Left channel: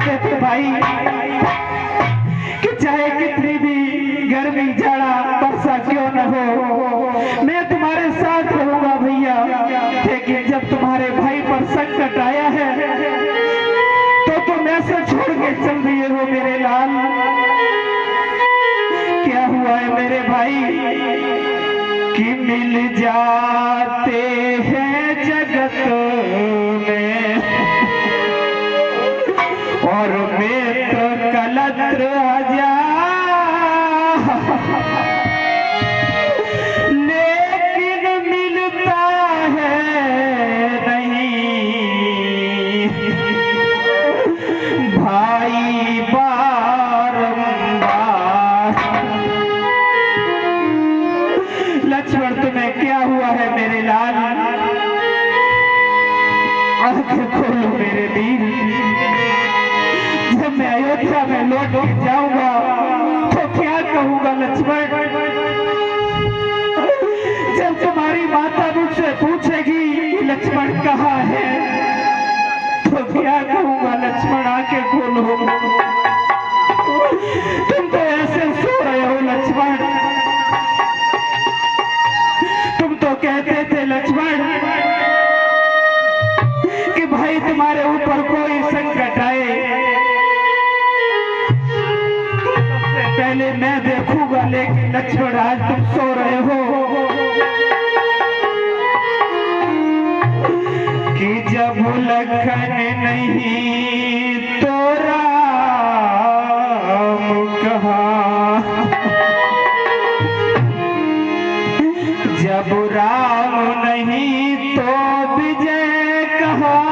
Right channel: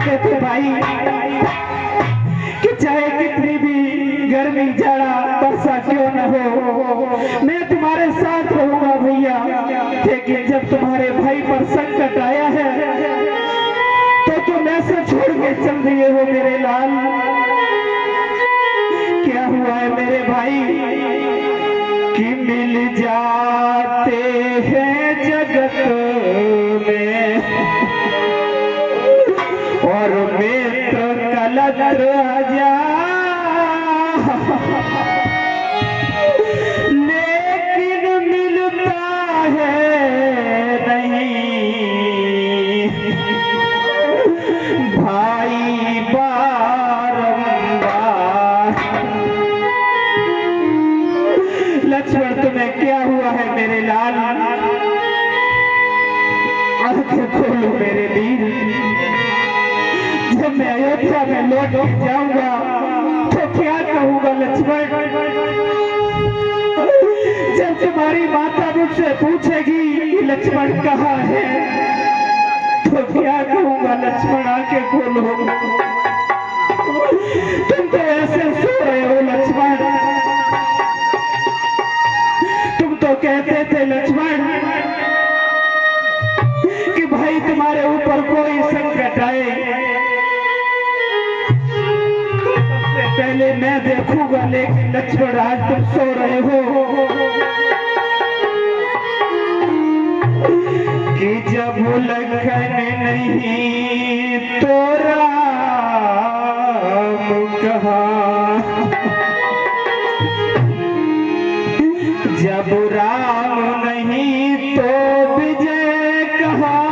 कहते थे भाई कि चाहे कितनी भी गर्मी जाड़ा वर्षा क्यों न हो, मैं तुम्हारे साथ रहूंगा भैया। लेकिन जब तुम्हारे भाई पर संकट आया है तो तुम ऐसे छोड़ के चल दिए हो मेरे लाल। क्या हुआ है मेरे भाई कि मिल जाते हैं जगत में और मित्र कलत्र आजा, लेकिन मिलता है नहीं भाई बारंबार। लक्ष्मण तुम्हें क्या हुआ है मेरे लाल? आंखें खोलो मेरे वीर। जब मैं अयोध्या में लौट जाऊंगा तो क्या कहूंगा लक्ष्मण? जब तुम्हारी माता मुझसे पूछेगी लक्ष्मण कहाँ है तो क्या कहूंगा लक्ष्मण? आंखें खोलो। तुम तो ऐसे सो रहे हो लक्ष्मण। तुम तो कहते थे लक्ष्मण कि भाई तुम्हारे ऊपर कोई संकट आए सबसे पहले मैं देखूंगा, लेकिन लक्ष्मण आज तुम सो रहे हो कि जब लखन नहीं तो राम कहाँ, जब राम नहीं तो विजय कहाँ,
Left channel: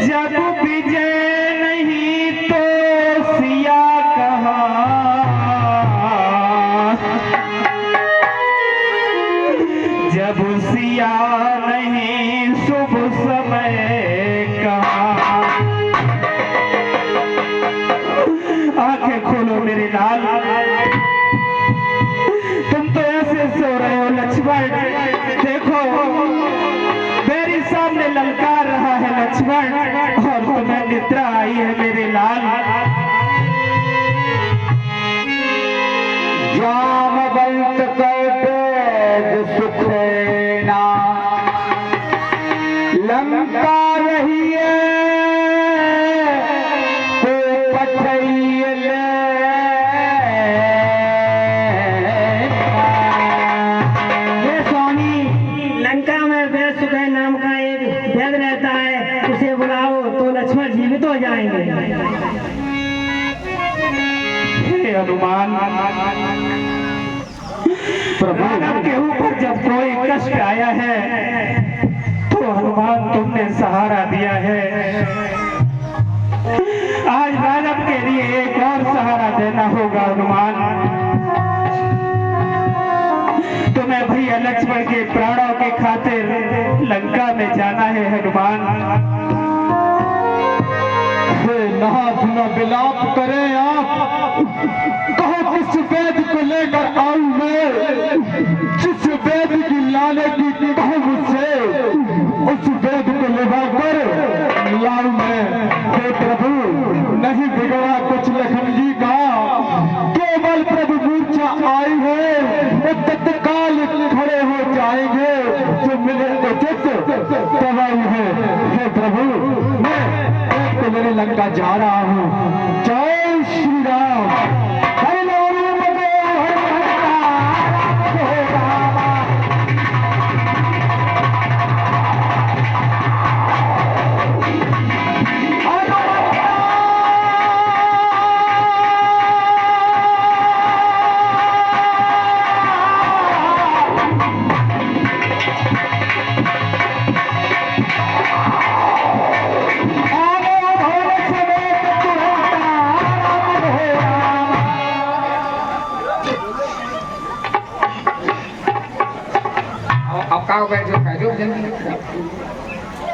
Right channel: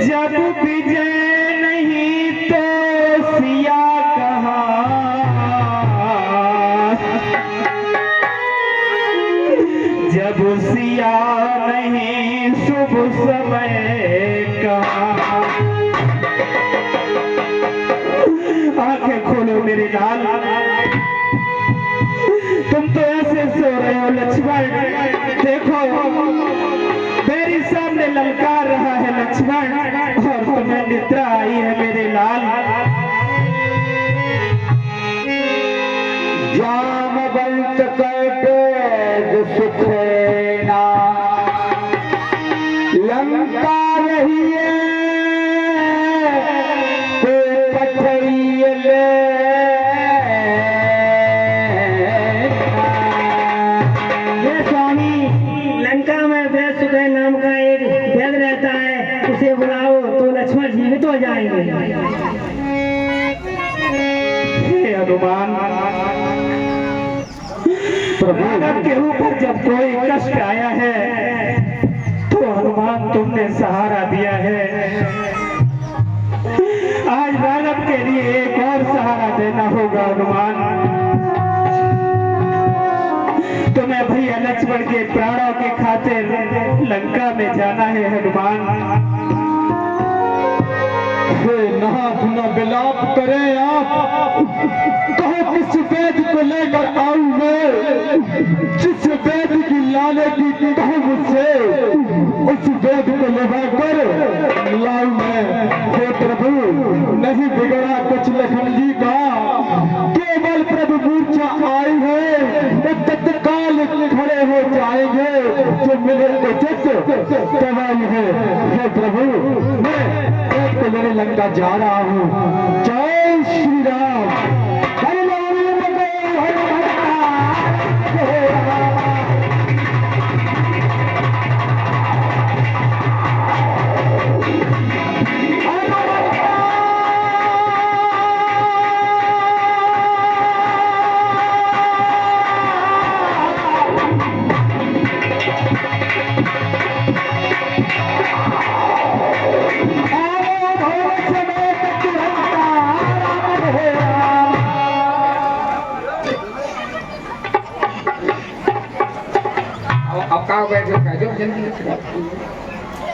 जब विजय नहीं तो सिया कहाँ, जब सिया नहीं शुभ समय कहाँ। आंखें खोलो मेरे लाल। तुम तो ऐसे सो रहे हो लक्ष्मण। देखो मेरे सामने ललकार रहा है लक्ष्मण और तुम्हें निद्रा आई है मेरे लाल। जामवंत कैटेय सुखेना लंका रहिए तो पठइए ले। ये स्वामी लंका में वेद सुखेन नाम का एक वेद रहता है, उसे बुलाओ तो लक्ष्मण जीवित हो जाएंगे। हे हनुमान, मानव के ऊपर जब कोई कष्ट आया है तो हनुमान तुमने सहारा दिया है। आज मानव के लिए एक और सहारा देना होगा हनुमान। तुम्हें भैया लक्ष्मण के प्राणों के खातिर लंका में जाना है हनुमान। नाथ न विलाप करें आप, कहो किस वेद को लेकर आऊं मैं, जिस वेद की लाने की कहूं मुझसे उस वेद को लगा कर लाऊं मैं। हे प्रभु नहीं बिगड़ा कुछ लखन जी का, केवल प्रभु मूर्छा आई है वो तत्काल खड़े हो जाएंगे, जो मिले उचित सवाल है। हे प्रभु मैं तो मेरे लंका जा रहा हूँ। जय श्री राम।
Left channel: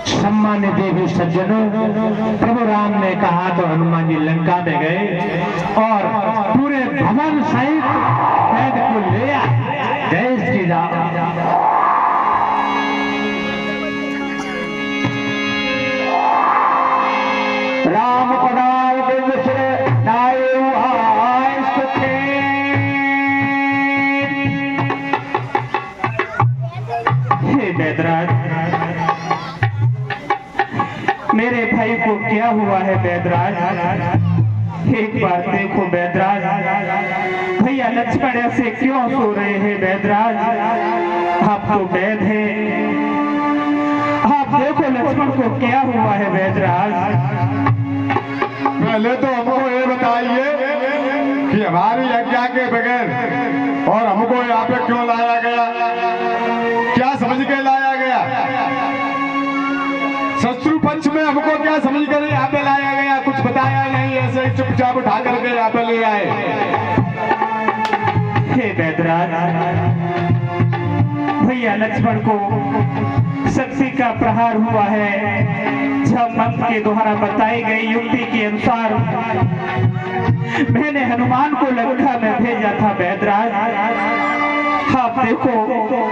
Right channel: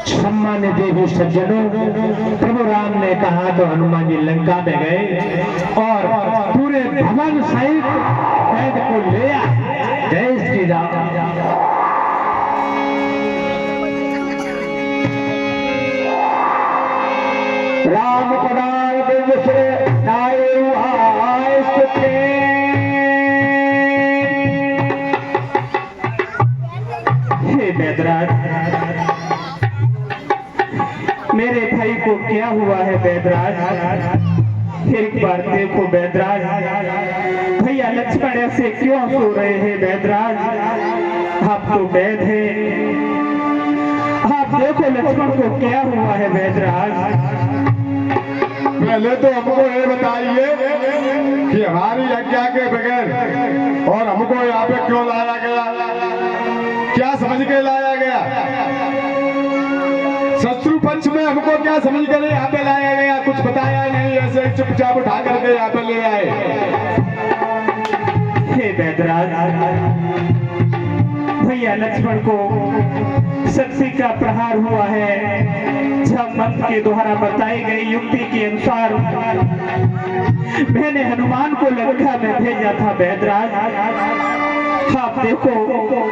सम्मानित देवी सज्जनों, प्रभु राम ने कहा तो हनुमान जी लंका में गए और पूरे भवन सहित कैद को ले आए। जय श्री राम। बैदराज, मेरे भाई को क्या हुआ है बैदराज? एक बार देखो बैदराज, भैया लक्ष्मण ऐसे क्यों सो रहे हैं बैदराज? आप तो वैद हैं, आप देखो लक्ष्मण को क्या हुआ है बैदराज? पहले तो हमको ये बताइए कि हमारी आज्ञा के बगैर और हमको यहाँ पे क्यों लाया गया, क्या समझ के लाया गया? शत्रु पक्ष में हमको क्या समझ कर यहाँ पे लाया गया? कुछ बताया नहीं, ऐसे चुपचाप उठा करके यहाँ पे ले आए। हे बैदराज, भैया लक्ष्मण को शक्ति का प्रहार हुआ है। जब मंत्र के द्वारा बताई गई युक्ति के अनुसार मैंने हनुमान को लंका में भेजा था बैदराज। आप देखो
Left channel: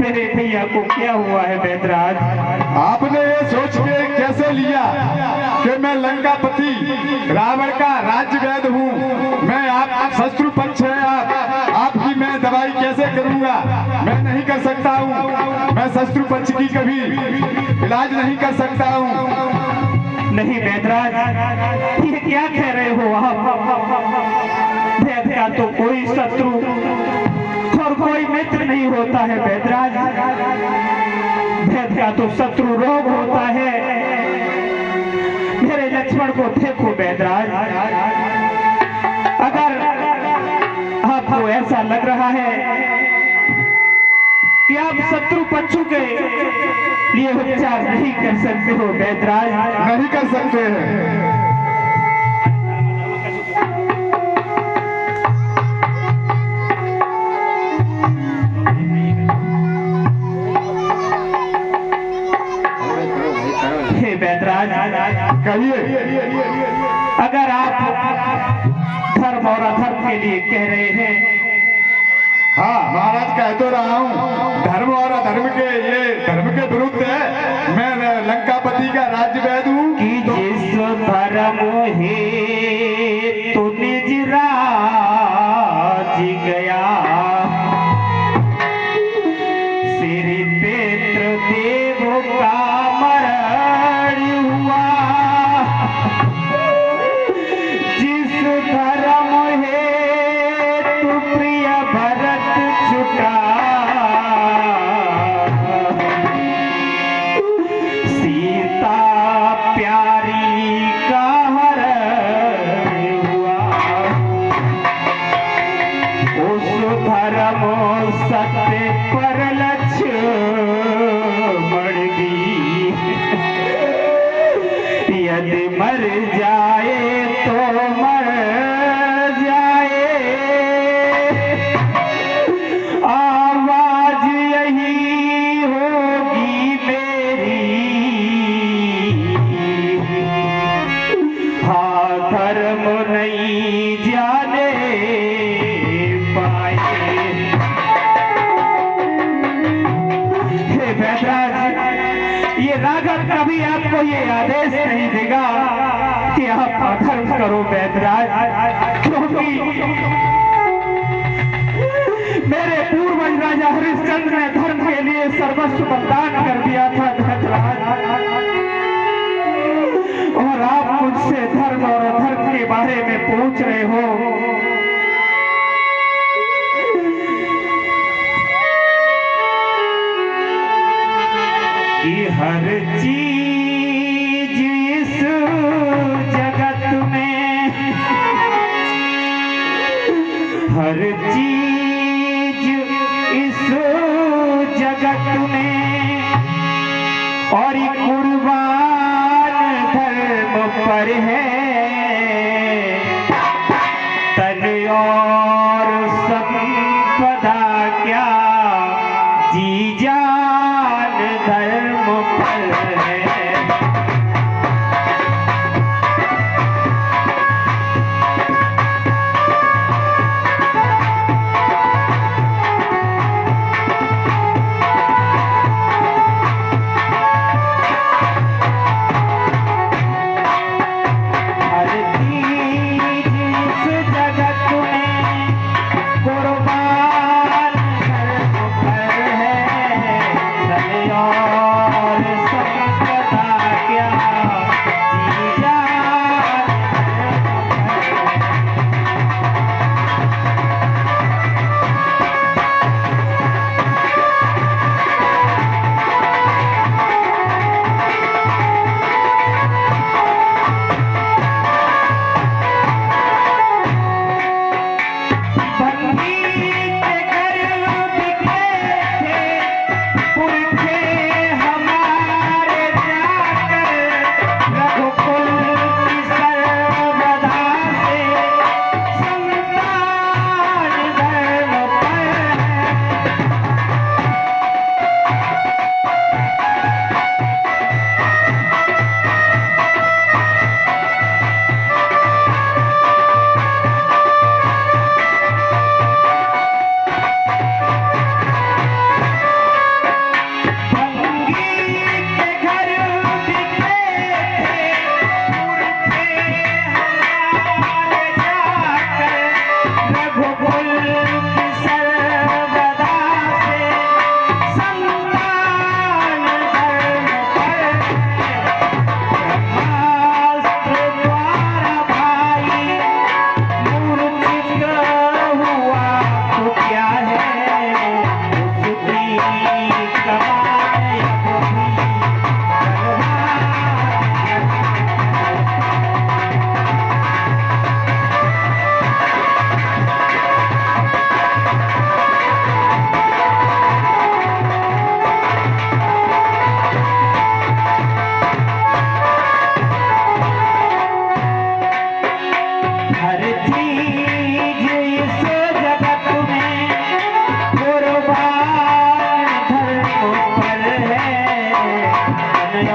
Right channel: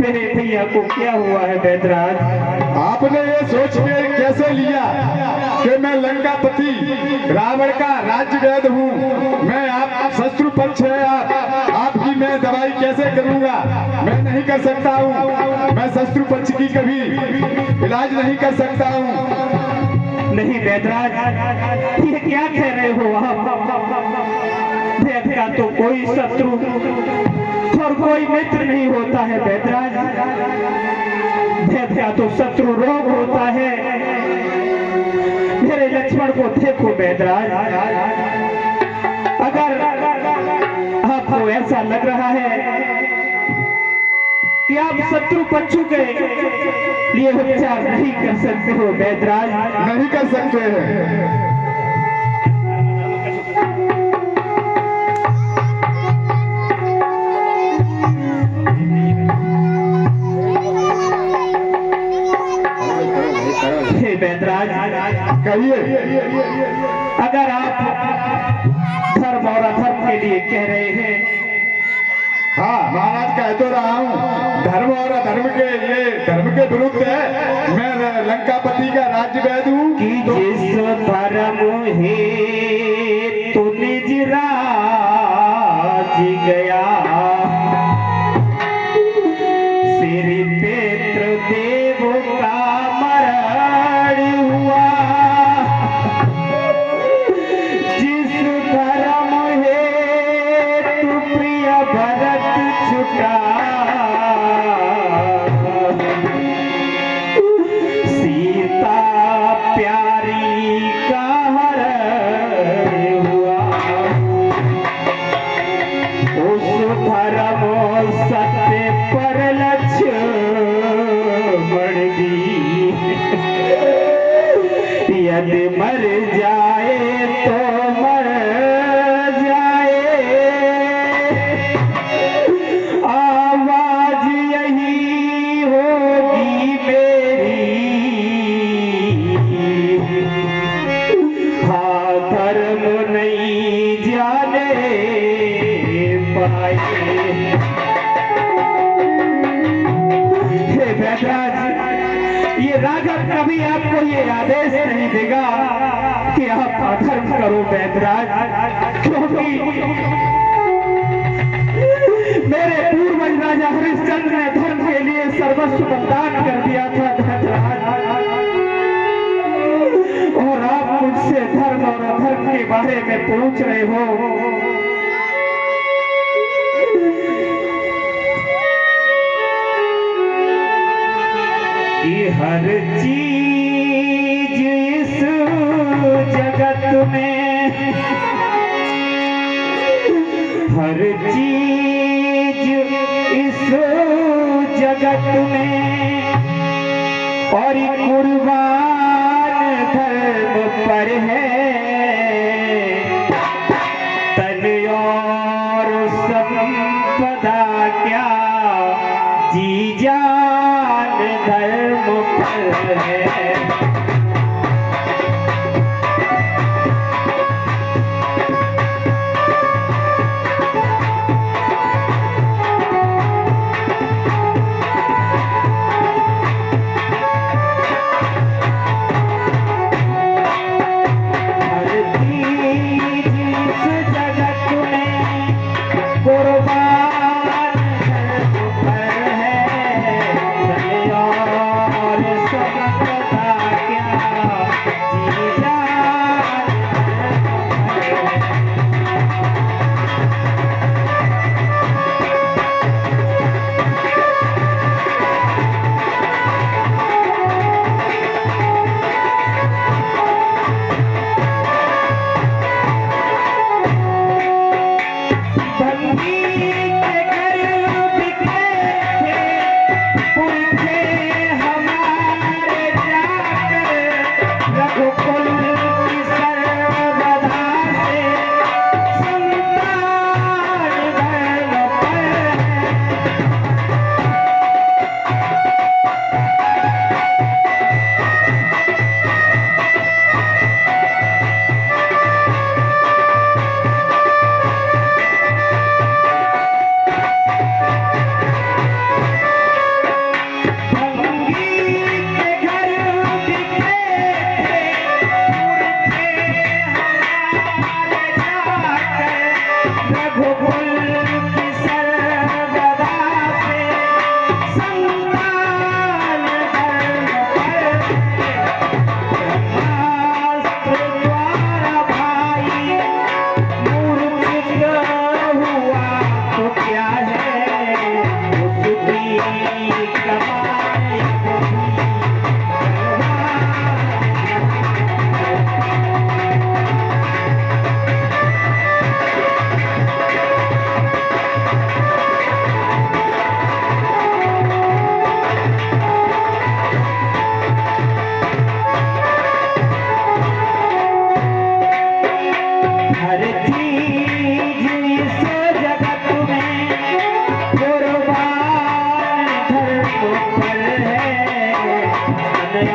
मेरे भैया को क्या हुआ है बैदराज। आपने ये सोच के कैसे लिया कि मैं लंकापति रावण का राज्य वैद हूँ, मैं आप शत्रु पक्ष है, आपकी मैं दवाई कैसे करूँगा? मैं नहीं कर सकता हूँ, मैं शत्रु पक्ष की कभी इलाज नहीं कर सकता हूँ। नहीं बैदराज, ये क्या कह रहे हो आप? वैद का तो कोई शत्रु और कोई मित्र नहीं होता है बैदराज। वैद का तो शत्रु रोग होता है। मेरे लक्ष्मण को देखो बैदराज, अगर आपको ऐसा लग रहा है कि आप शत्रु पक्षों के लिए उपचार नहीं कर सकते हो बैदराज, नहीं कर सकते हैं। कहिए, अगर आप धर्म और अधर्म के लिए कह रहे हैं, हाँ महाराज कह तो रहा हूँ, धर्म और अधर्म के, ये धर्म के विरुद्ध है। मैं लंकापति का राज्य वैद हूँ कि जिस धर्म है तो निज राज गया, श्री पितृ देव का मरण हुआ। जिस धर्म है तू प्रिय भरत छुटा, सीता प्यारी का हरण हुआ। उस धर्म सत्य पर लक्ष्मण दी, यदि मर जाए तो मर जाए, आवाज यही होगी मेरी, हाँ धर्म नहीं जाने पाए। हे बैदराज, ये राघव कभी आपको ये आदेश नहीं देगा कि आप अधर्म करो बैदराज, क्योंकि मेरे पूर्वज राजा हरिश्चंद्र ने धर्म के लिए सर्वस्व बलिदान कर दिया था धर्मराज, और आप मुझसे धर्म और अधर्म के बारे में पूछ रहे हो। कि हर चीज इस जगत में, हर चीज इस जगत में और कुर्बान धर्म पर है। तन और संपदा क्या जी जान धर्म पर है। कुर्बान धर्म पर है, ऊपर है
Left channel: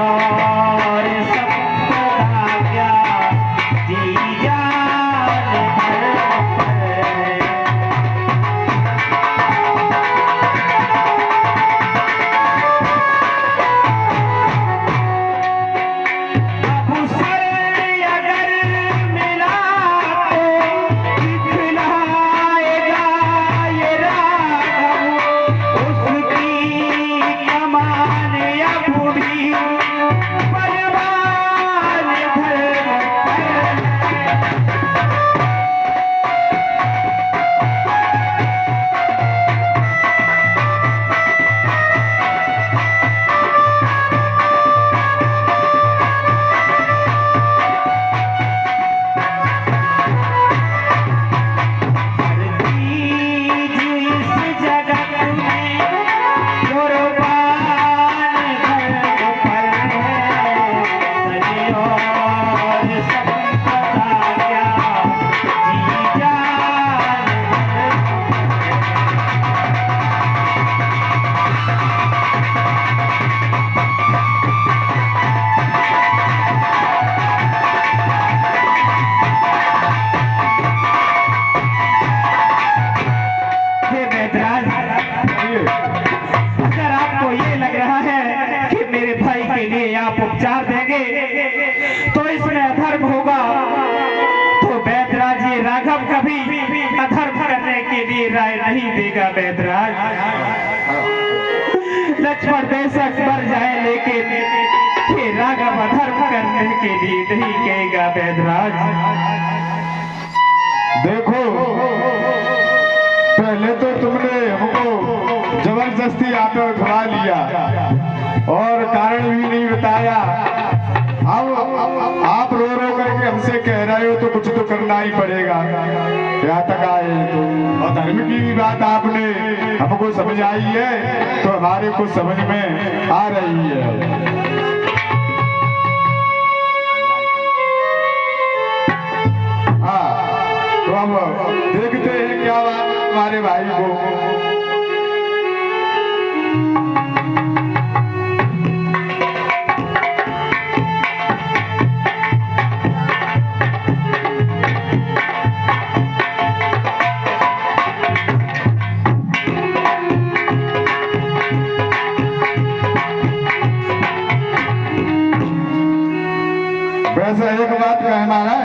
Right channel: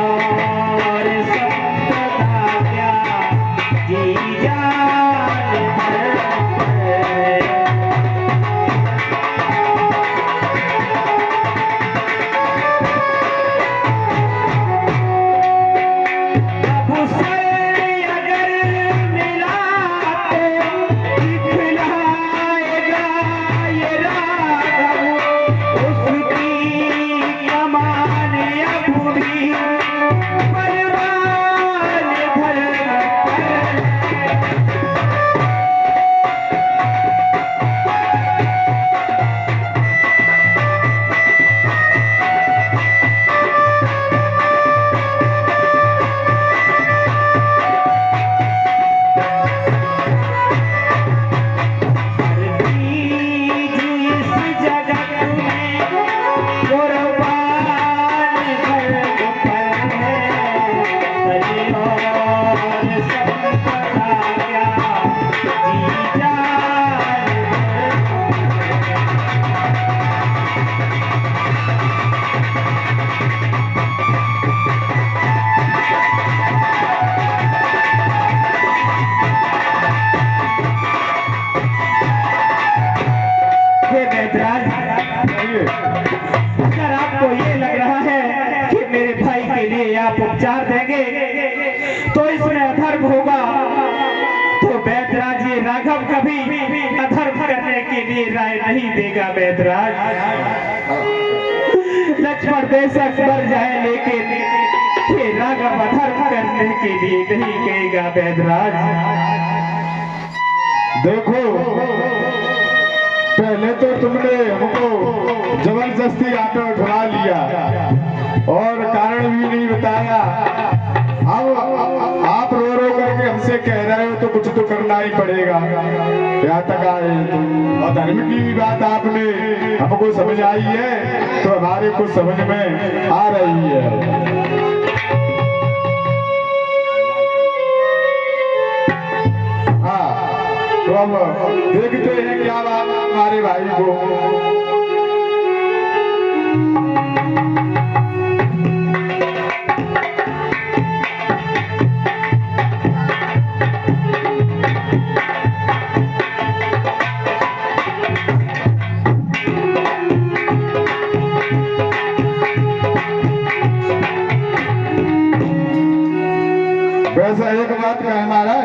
और संपदा क्या जी जान पर है। अब उसे अगर मिला तो दिखलाएगा ये राघव उसकी कमान अब भी परवान धर पर। इस जगत में कुर्बान धर्म पर है और संपदा क्या जी जान हे बैदराज, अगर आपको ये लग रहा है कि मेरे भाई के लिए आप उपचार देंगे तो इसमें अधर्म होगा, तो बैदराज ये राघव कभी अधर्म करने के लिए राय नहीं देगा। बैदराज, लक्ष्मण बेशक मर जाए लेकिन ये राघव अधर्म करने के लिए नहीं कहेगा। बैदराज देखो, पहले तो तुमने हमको जबरदस्ती यहाँ पे उठा लिया और कारण भी नहीं बताया। अब आप रो रो करके हमसे कह रहे हो तो कुछ तो करना ही पड़ेगा। यहाँ तक आए तो और धर्म की बात आपने हमको समझाई है तो हमारे को समझ में आ रही है। तो हम देखते हैं क्या बात हमारे भाई को। वैसे एक बात कहना है,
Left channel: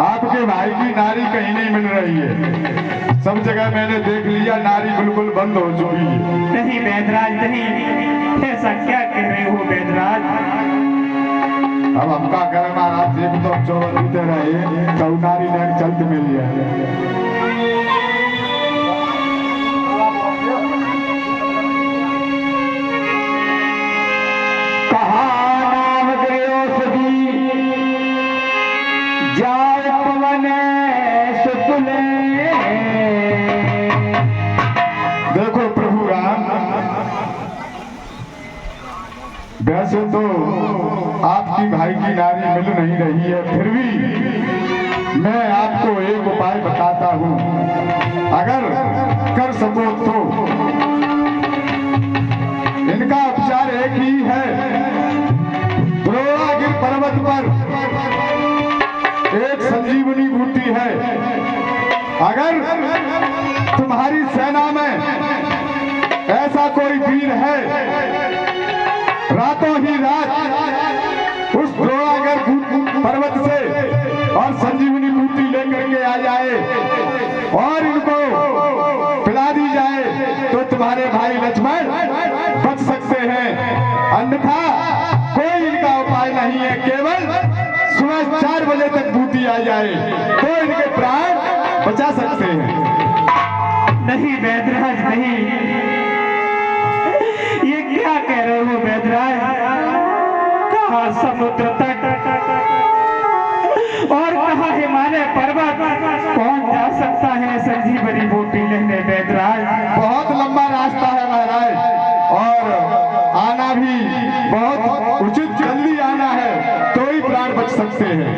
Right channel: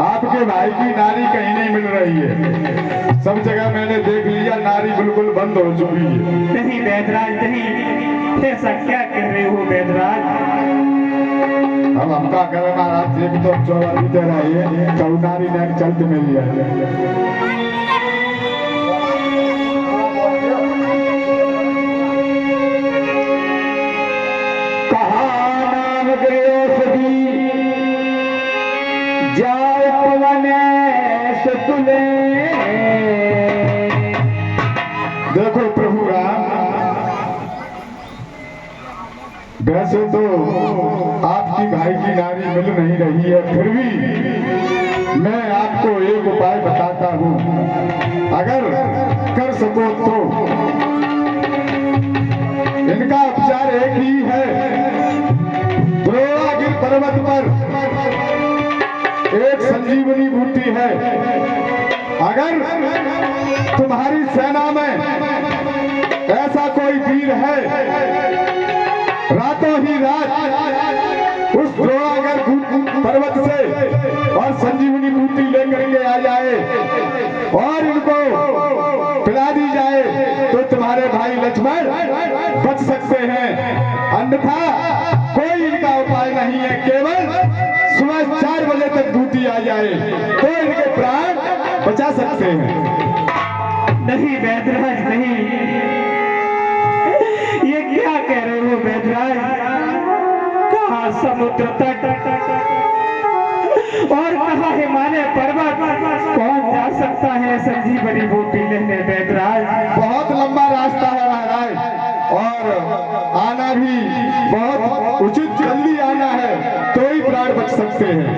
आपके भाई की नारी कहीं नहीं मिल रही है। सब जगह मैंने देख लिया, नारी बिल्कुल बंद हो चुकी है। नहीं बैदराज नहीं, ऐसा क्या कह रहे हो बैदराज? अब हम क्या करें महाराज, एक तो चौबा बीते रहे कऊ नारी ने चलते नहीं है। कहा नाम गयोसदी जाए पवन सुतले। देखो प्रभु राम, वैसे तो आपकी भाई की नारी मिल नहीं रही है, फिर भी मैं आपको एक उपाय बताता हूँ, अगर कर सको तो। इनका उपचार एक ही है। द्रोणागिर पर्वत पर एक संजीवनी बूटी है। अगर तुम्हारी सेना में ऐसा कोई वीर है, रातों ही रात उस द्रोणागिर पर्वत से और संजीवनी बूटी लेकर के आ जाए और इनको पिला दी जाए तो तुम्हारे भाई लक्ष्मण बच सकते हैं। अन्यथा कोई इनका उपाय नहीं है, केवल सुबह 4 बजे तक बूटी आ जाए तो इनके प्राण बचा सकते हैं। नहीं बैदराज नहीं, ये क्या कह रहे हो बैदराज? कहाँ समुद्र तट और कहाँ हिमालय पर्वत, कौन जा सकता है संजीवनी बूटी लेने बैदराज? बहुत लंबा रास्ता है महाराज और आना भी बहुत उचित, जल्दी आना है तो ही प्राण बच सकते हैं।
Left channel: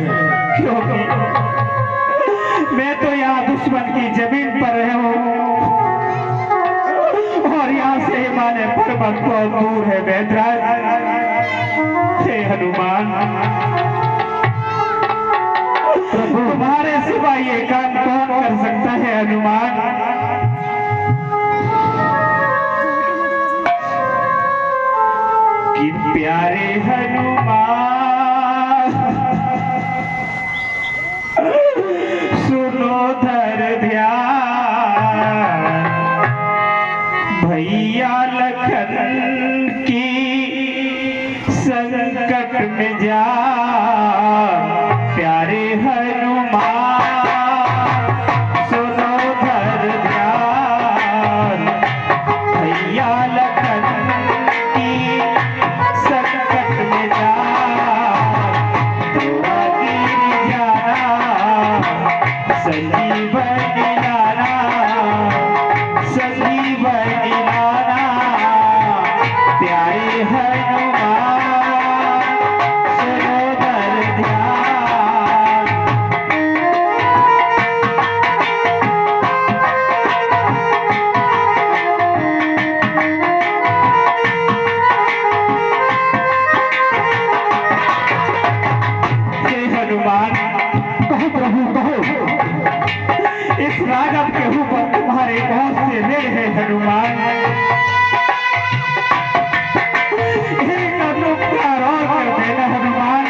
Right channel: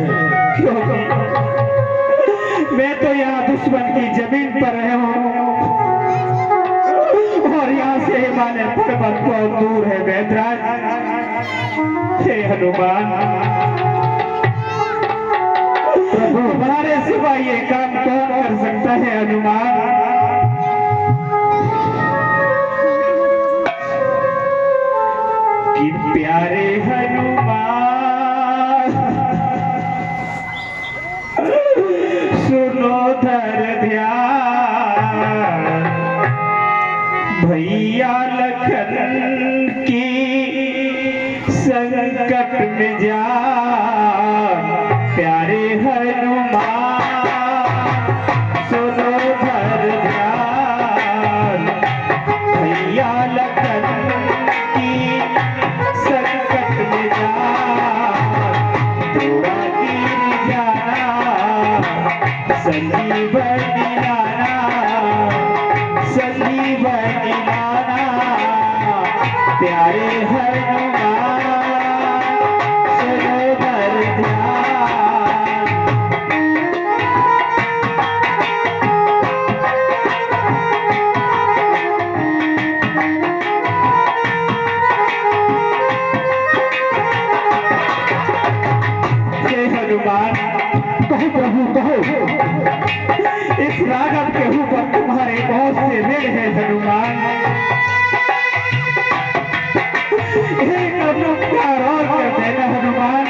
क्योंकि मैं तो यहाँ दुश्मन की जमीन पर रहा हूँ और यहाँ से हिमालय पर्वत बहुत दूर है वेदराज। हे हनुमान, तुम्हारे सिवा ये काम कौन कर सकता है हनुमान? कि प्यारे हनुमान सुनो धर ध्यान, भैया लखन की संकट में जा। प्यारे हनुमान सुनो धर ध्यान, भैया लखन की संकट में जा। दुआ गिर जाना संजीवनी लाना, संजीवनी लाना। प्यारे हनुमान सुनो धर ध्यान। हे हनुमान, कहो प्रभु कहो। इस राघव के ऊपर तुम्हारे बहुत से मेल है हनुमान। एक उपकार और कर देना हनुमान,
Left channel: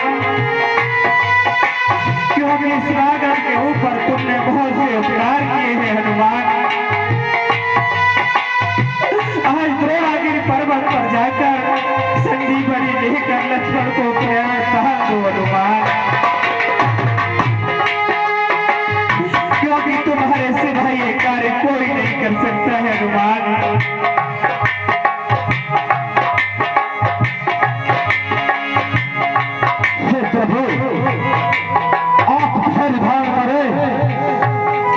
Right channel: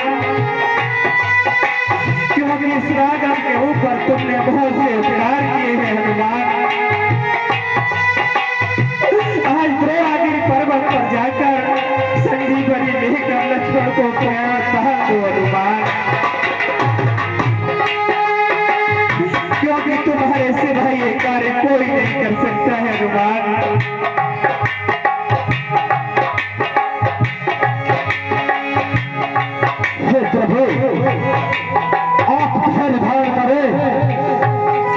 क्योंकि इस राघव के ऊपर तुमने बहुत से उपकार किए हैं हनुमान। आज द्रोणागिरि पर्वत पर जाकर संजीवनी लेकर लक्ष्मण को प्रयाण कहा दो हनुमान, क्योंकि तुम्हारे सिवा ये कार्य कोई नहीं कर सकता है हनुमान। हे प्रभु, आप धैर्य धारण करें।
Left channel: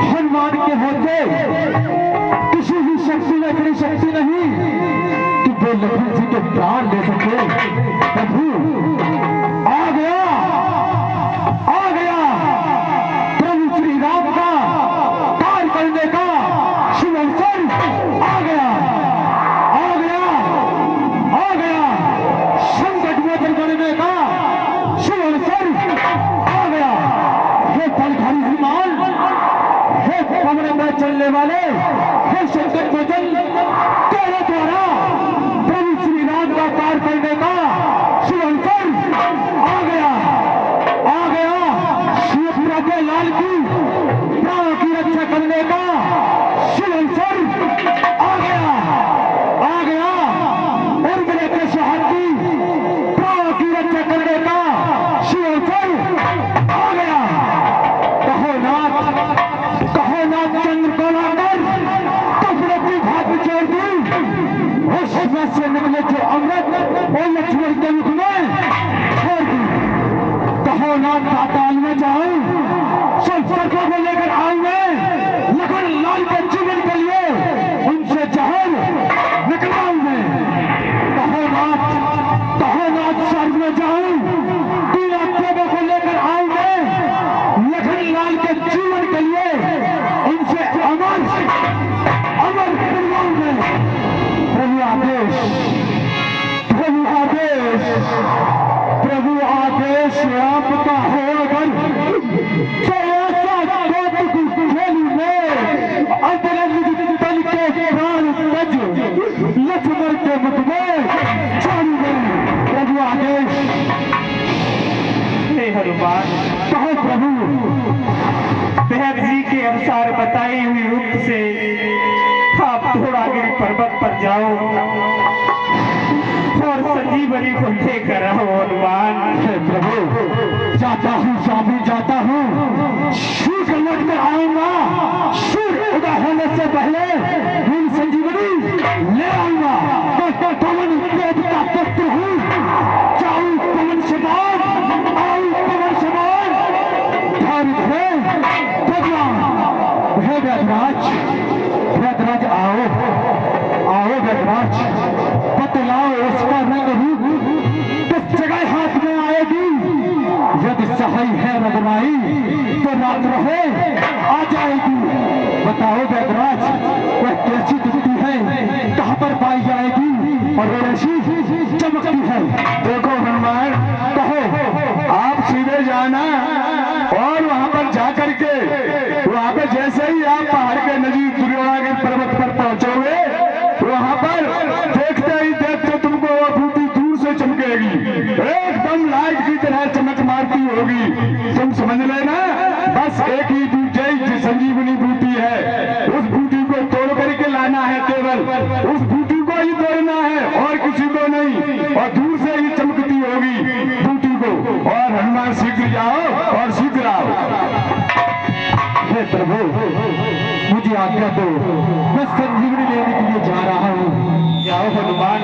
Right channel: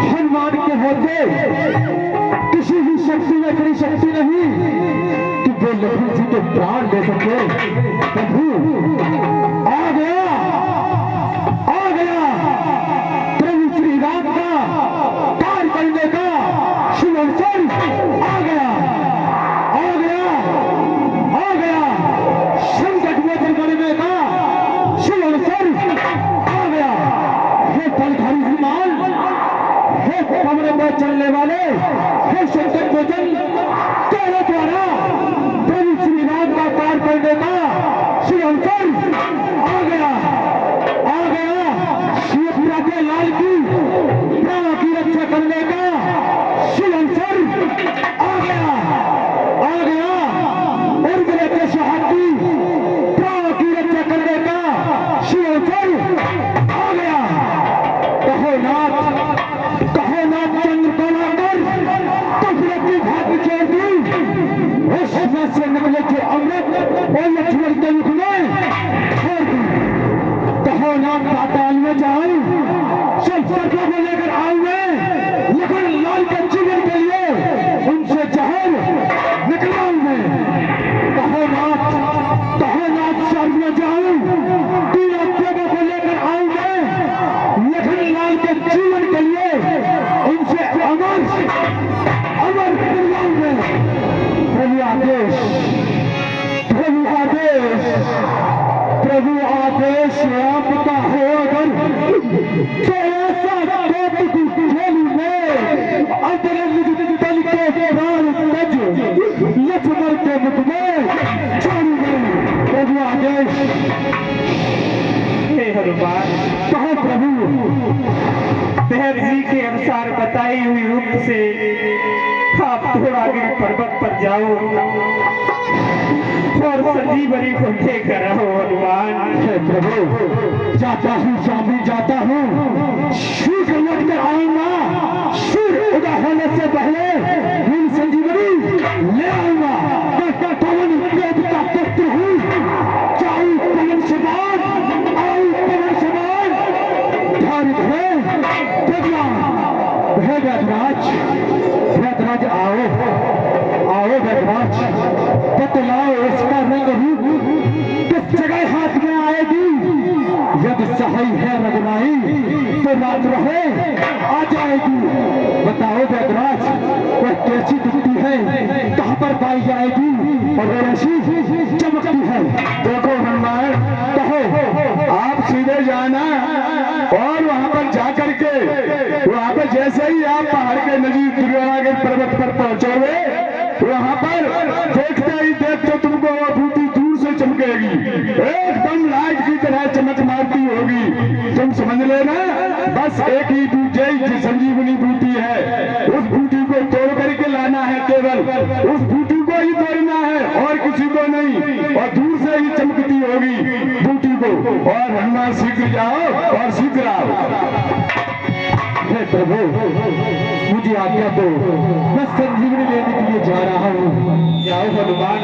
हनुमान के होते किसी भी शक्ति में इतनी शक्ति नहीं कि वो लखन जी के प्राण ले सके। प्रभु आ गया, आ गया प्रभु श्री राम का कार्य करने का शुभ अवसर आ गया, आ गया, आ गया। संकट मोचन करने का शुभ अवसर आ गया। हे फलधारी विमान, हे कमरे में चलने वाले, हे संकट मोचन तेरे द्वारा प्रभु श्री राम का कार्य करने का शुभ अवसर आ गया, आ गया। शिवपुरा के लाल की प्राण की रक्षा करने का शुभ अवसर आ गया, आ गया। और मेरे के शहादती प्राण की रक्षा करने का शुभ अवसर आ गया। कहो नाथ चंद्रकलाकर कपड़े की भाग छोड़ दी, उसमें से निकले थे अमृत और लक्ष्मण के मुख में छोड़ दी। कहो नाथ पाताल में जाऊं, सब सर्पों को लेकर आऊं मैं, लखन लाल के जीवन के लिए उनसे जहर निकलाऊं मैं। कहो नाथ स्वर्ग में जाऊं, तीन आत्माओं को लेकर आऊं मैं, लखन लाल के जीवन के लिए उनसे अमर करवाऊं मैं। प्रभु आदेश, प्रभु आदेश, प्रभु आदेश आपका हो अगर तो ऐसा कोट की खेल में अंतरंग तल के प्राण तज लक्ष्मण के मुख में छोड़ी गई। प्रभु आदेश। हे हनुमान, कहो प्रभु। देव जी के अनुसार बताई हुई रूप से आप द्रोणागिरि पर्वत पर जाओ और संजीवनी को लेकर आओ हनुमान। हे प्रभु, जाता हूँ स्वामी, जाता हूँ। शीघ्र लौट कर आऊंगा, सूर्य उदय होने से पहले इन संजीवनी ले आऊंगा। मैं पवन वेद का पुत्र हूँ, जाऊं पवन समान, आऊं पवन समान। धारित है भगवान। हे वेदराज, वेदराज आओ, आओ वेदराज। बतलाओ उसका रंग रूप किस जगह हाथ में आएगी। यदि सही है रघुनाई तो रात रहे आ जाएगी। बताओ वेदराज, वह कैसी दिखती है, कहाँ पर पाई जाएगी। चमकती है। देखो हनुमान, कहो आप सीधे जाना और वहां पर जाकर के वहां पर जैसे ही आप पहाड़ के नजीक दुर्योधन पर्वत पर पहुंचोगे, वहां पर देखते ही देखते तुमको वो बूटी दूर से चमकेगी, एकदम लाइट की तरह चमक मारती होगी। तुम समझ लेना बस एक ही बूटी संजीवनी बूटी है, उस बूटी को तोड़ करके लाना है, केवल उस बूटी को ही तोड़ना है और किसी को नहीं, और दूर से ही चमकती होगी बूटी को। और हनुमान शीघ्र जाओ और शीघ्र आओ। हे प्रभु मुझे आज्ञा दो, मैं संजीवनी लेने के लिए जा रहा हूँ। जाओ हनुमान,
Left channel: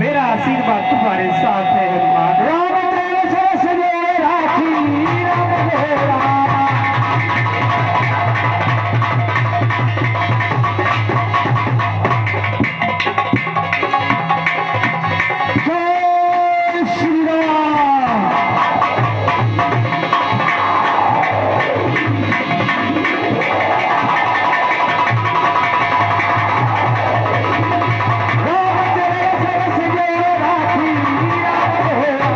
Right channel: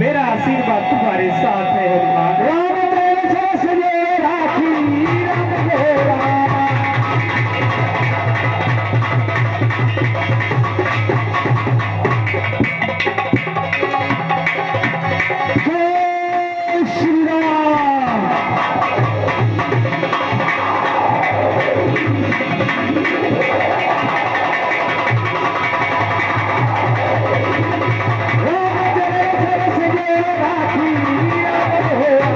मेरा आशीर्वाद तुम्हारे साथ है हनुमान। राम तेरे सरस्वती राखी राम गोरा। जय श्री राम। राम तेरे सरस्वती राखी राम गोरा।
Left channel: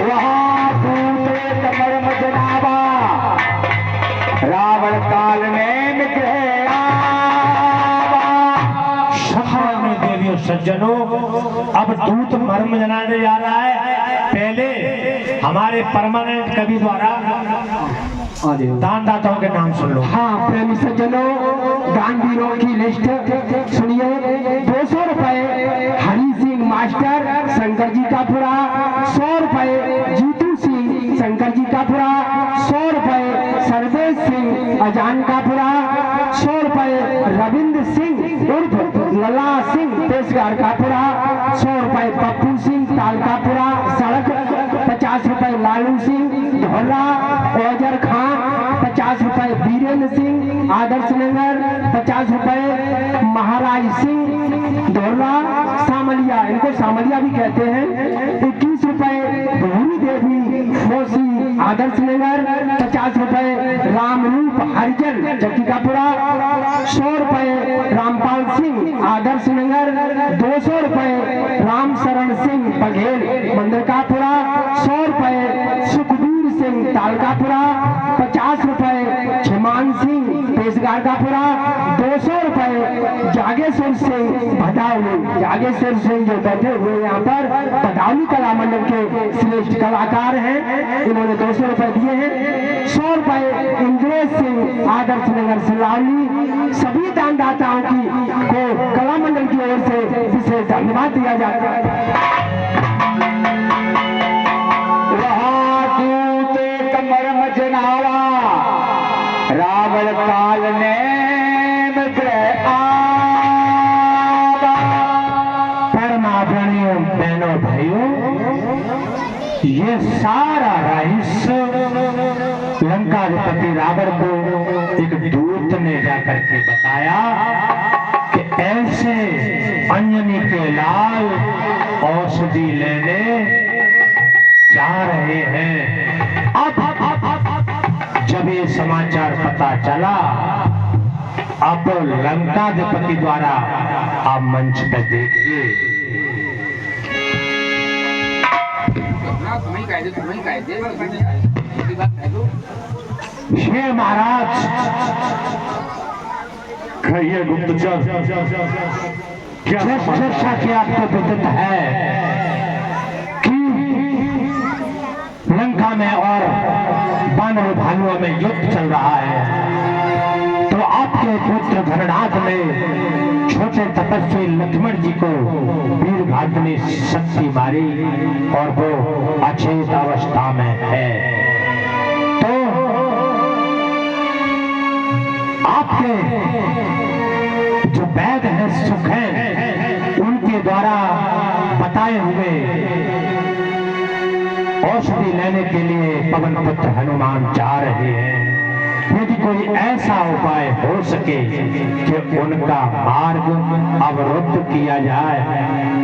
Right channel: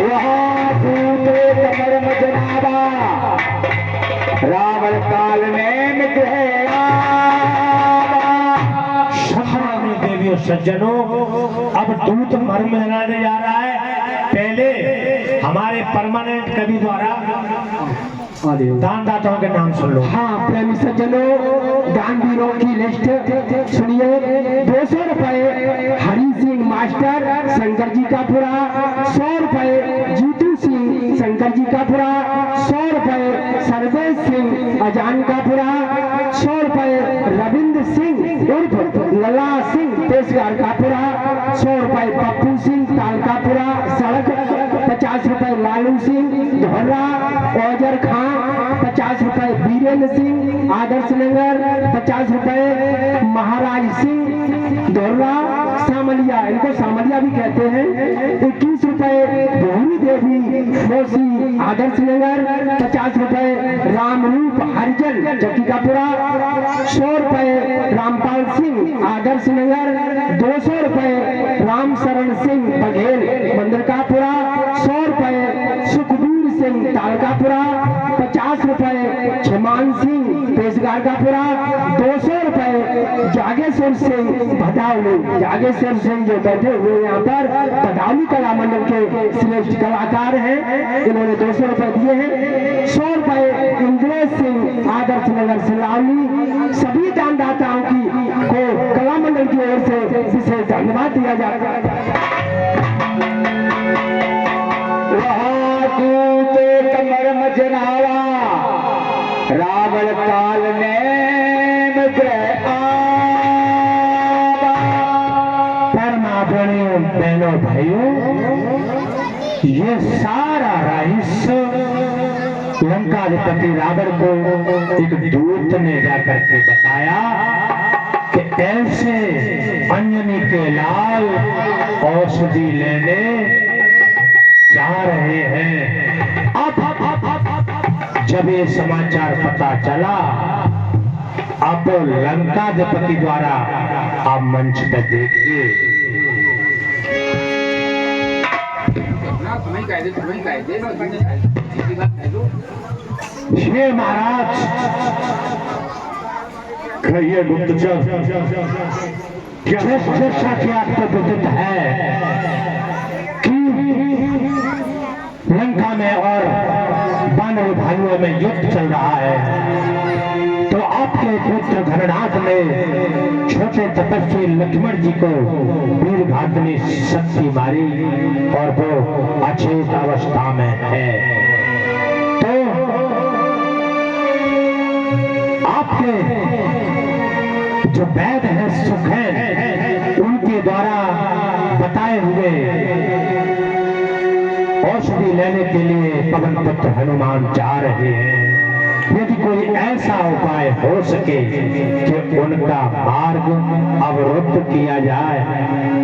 वहाँ भूते कमर मजनावा रावण काल में निकले आवा। सम्माननीय देवियों सज्जनों, अब दूत मर्म जनाने जा रहा है। पहले हमारे परमानेंट कवि द्वारा दानदाताओं के नाम सुन लो। हाँ प्रेमी सज्जनों, दानवीरों की लिस्ट सुनिए। 200 रुपए हरी सिंह मास्टर शंकर जी का पुरा, 100 रुपए जीतू सिंह शंकर जी का पुरा, 100 रुपए सर्वेश सिंह अजान का पुरा, 100 रुपए रविंद्र सिंह उर्फ लला सिंह पेशगार का पुरा, 100 रुपए पप्पू सिंह ताल का पुरा सड़क, 50 रुपए लालू सिंह झोरा ओजर खान, 50 रुपए बीरेंद्र सिंह आदर्श नगर, 50 रुपए महाराज सिंह दोहरा सामलिया, इनको सामलिया भी कहते हैं, 21 रुपए भूमि देवी मोसी आदर्श नगर, 50 रुपए रामरूप हरिजन चक्कीकापुरा, 100 रुपए रामपाल सिंह आदर्श नगर, 200 रुपए राम शरण सिंह बघेल मंदरकापुरा, 100 रुपए सुखबीर सिंह तालकापुरा, 50 रुपए छिमान सिंह पेशगार का पुरा, 200 रुपए जागेश्वर सिंह भदावली। जागेश्वर सिंह जो बैठे हुए यहाँ पर भदावली कला मंडल के श्रेष्ठ कलाकार हैं, इन्होंने 200 रुपए दिए हैं। 100 रुपए इंद्रेश सिंह आदर्श नगर सिलावली। सभी दानदाताओं की को कला मंडल की ओर से विशेष धन्यवाद दिया जाता है। कमर मजनावा रावण काल में परमात्मनियों बहनों भाइयों, ये सारा रहस्य लंकाधिपति रावण को एक दूत ने जाकर के बताया कि ऐसे अंजनी के लाल औषधि लेने जा रहे हैं। अब जब ये समाचार पता चला, अब लंकाधिपति द्वारा आप मंच पर देखिए। हे महाराज, कहिए गुप्तचर, क्या जैसा कि आपको विदित है कि लंका में और बानर भाइयों में युद्ध चल रहा है, तो आपके पुत्र धरणाथ ने छोटे तपस्वी लक्ष्मण जी को वीरभद्र ने शक्ति मारी और वो अचेत अवस्था में है। तो आपके जो वैद्य हैं सुखैन, उनके द्वारा औषधि लेने के लिए पवन पुत्र हनुमान जा रहे हैं। यदि कोई ऐसा उपाय हो सके कि उनका मार्ग अवरुद्ध किया जाए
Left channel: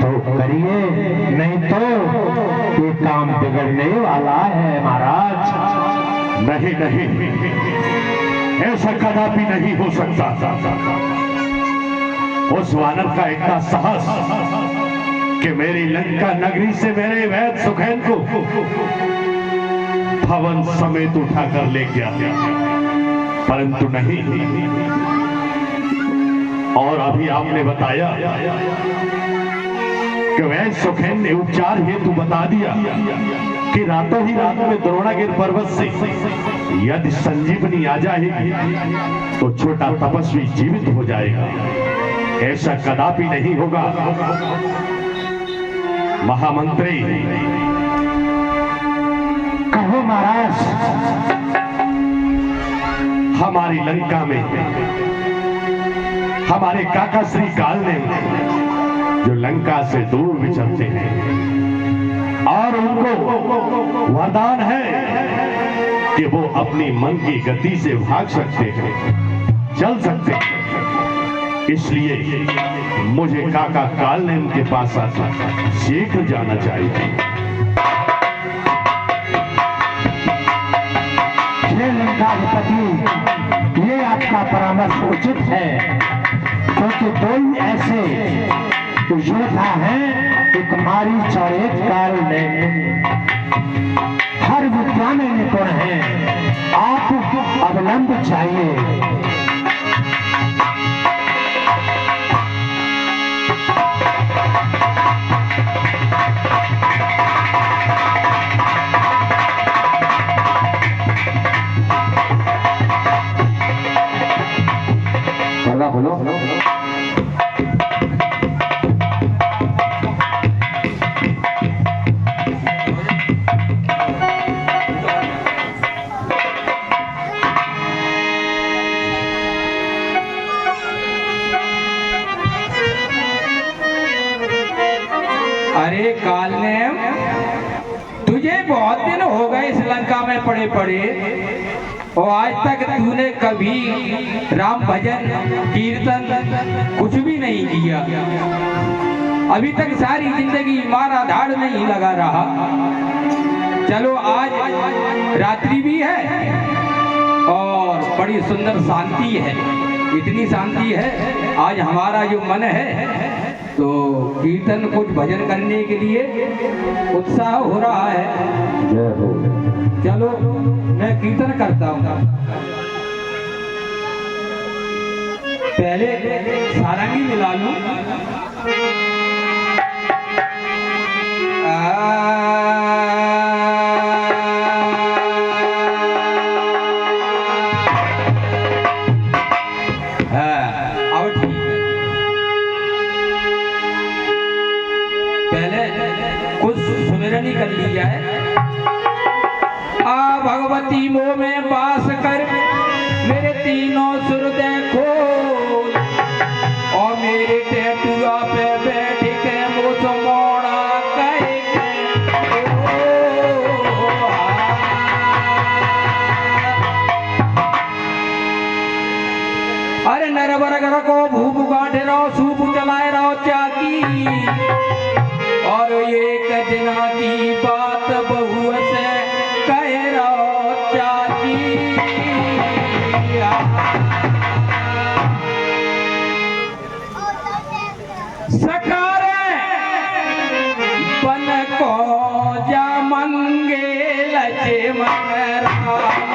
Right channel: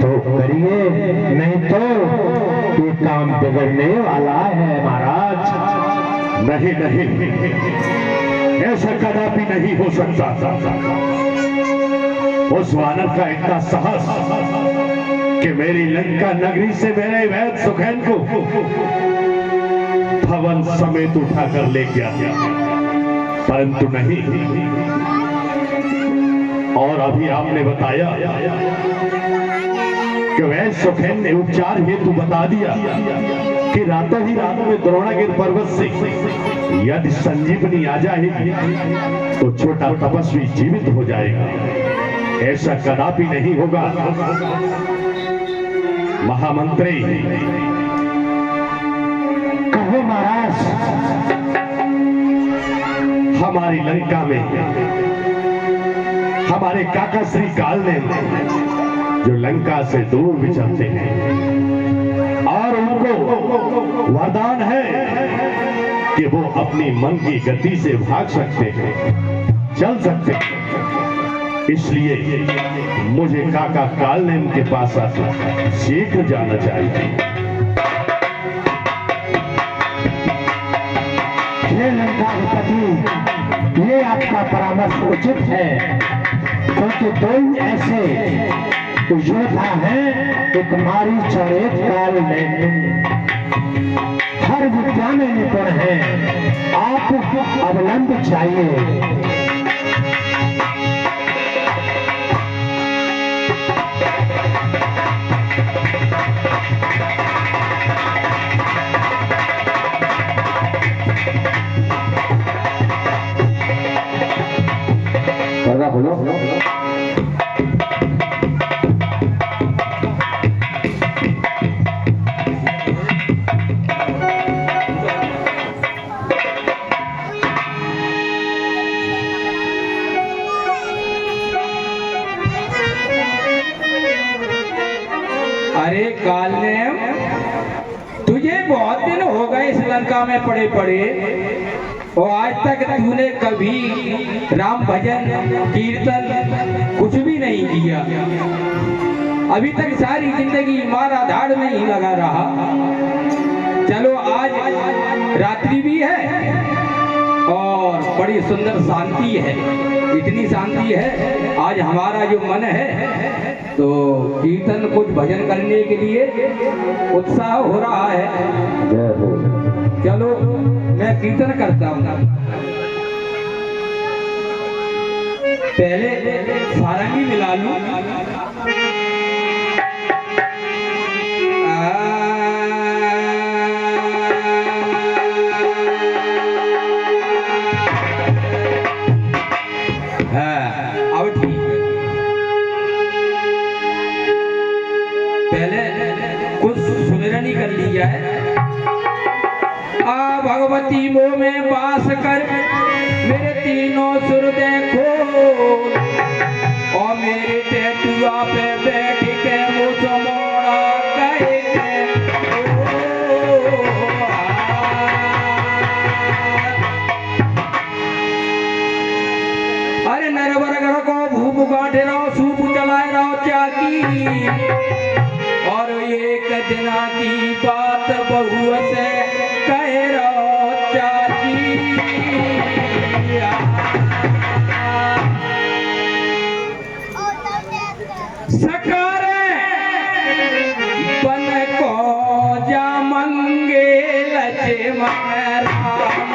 तो करिए, नहीं तो ये काम बिगड़ने वाला है महाराज। नहीं नहीं, ऐसा कदापि नहीं हो सकता। उस वानर का इतना साहस कि मेरी लंका नगरी से मेरे वैद सुखैन को भवन समेत उठाकर ले गया, परंतु नहीं। और अभी आपने बताया कि वैद सुखैन ने उपचार हेतु बता दिया कि रातों ही रात में द्रोणागिर पर्वत से यदि संजीवनी आ जाएगी तो छोटा तपस्वी जीवित हो जाएगा। ऐसा कदापि नहीं होगा। महामंत्री, कहो महाराज। हमारी लंका में हमारे काका श्री काल ने जो लंका से दूर विचरते हैं और उनको वरदान है कि वो अपनी मन की गति से भाग सकते हैं, चल सकते हैं। इसलिए मुझे काका काल ने उनके पास आकर शीघ्र जाना चाहिए। ये लंकाधिपति, ये आपका परामर्श उचित है, क्योंकि दो ही ऐसे योद्धा हैं, एक मारीच और एक काल ने हर विद्या में निपुण है। आपको अवलंब चाहिए। बोलो। अरे काल ने, तुझे बहुत दिन हो गए इस लंका में पड़े पड़े और आज तक तूने कभी राम भजन कीर्तन कुछ भी नहीं किया। अभी तक सारी जिंदगी मारा धाड़ में ही लगा रहा। चलो आज रात्रि भी है और बड़ी सुंदर शांति है। इतनी शांति है आज हमारा जो मन है तो कीर्तन कुछ भजन करने के लिए उत्साह हो रहा है। चलो मैं कीर्तन करता हूँ। पहले सारंगी मिला लूं। अब ठीक है। पहले कुछ सुमिरन ही कर लिया है। भगवती मोह में वास कर मेरे तीनों सुर देखो और मेरे टेटुआ पे बैठ के मुझ मोड़ा कहे अरे नरवर को भूप गाढ़े रहो सूप चलाए रहो चाकी और एक दिना की बात बहु से सकारे बन को जा मंगे लचे मन राम।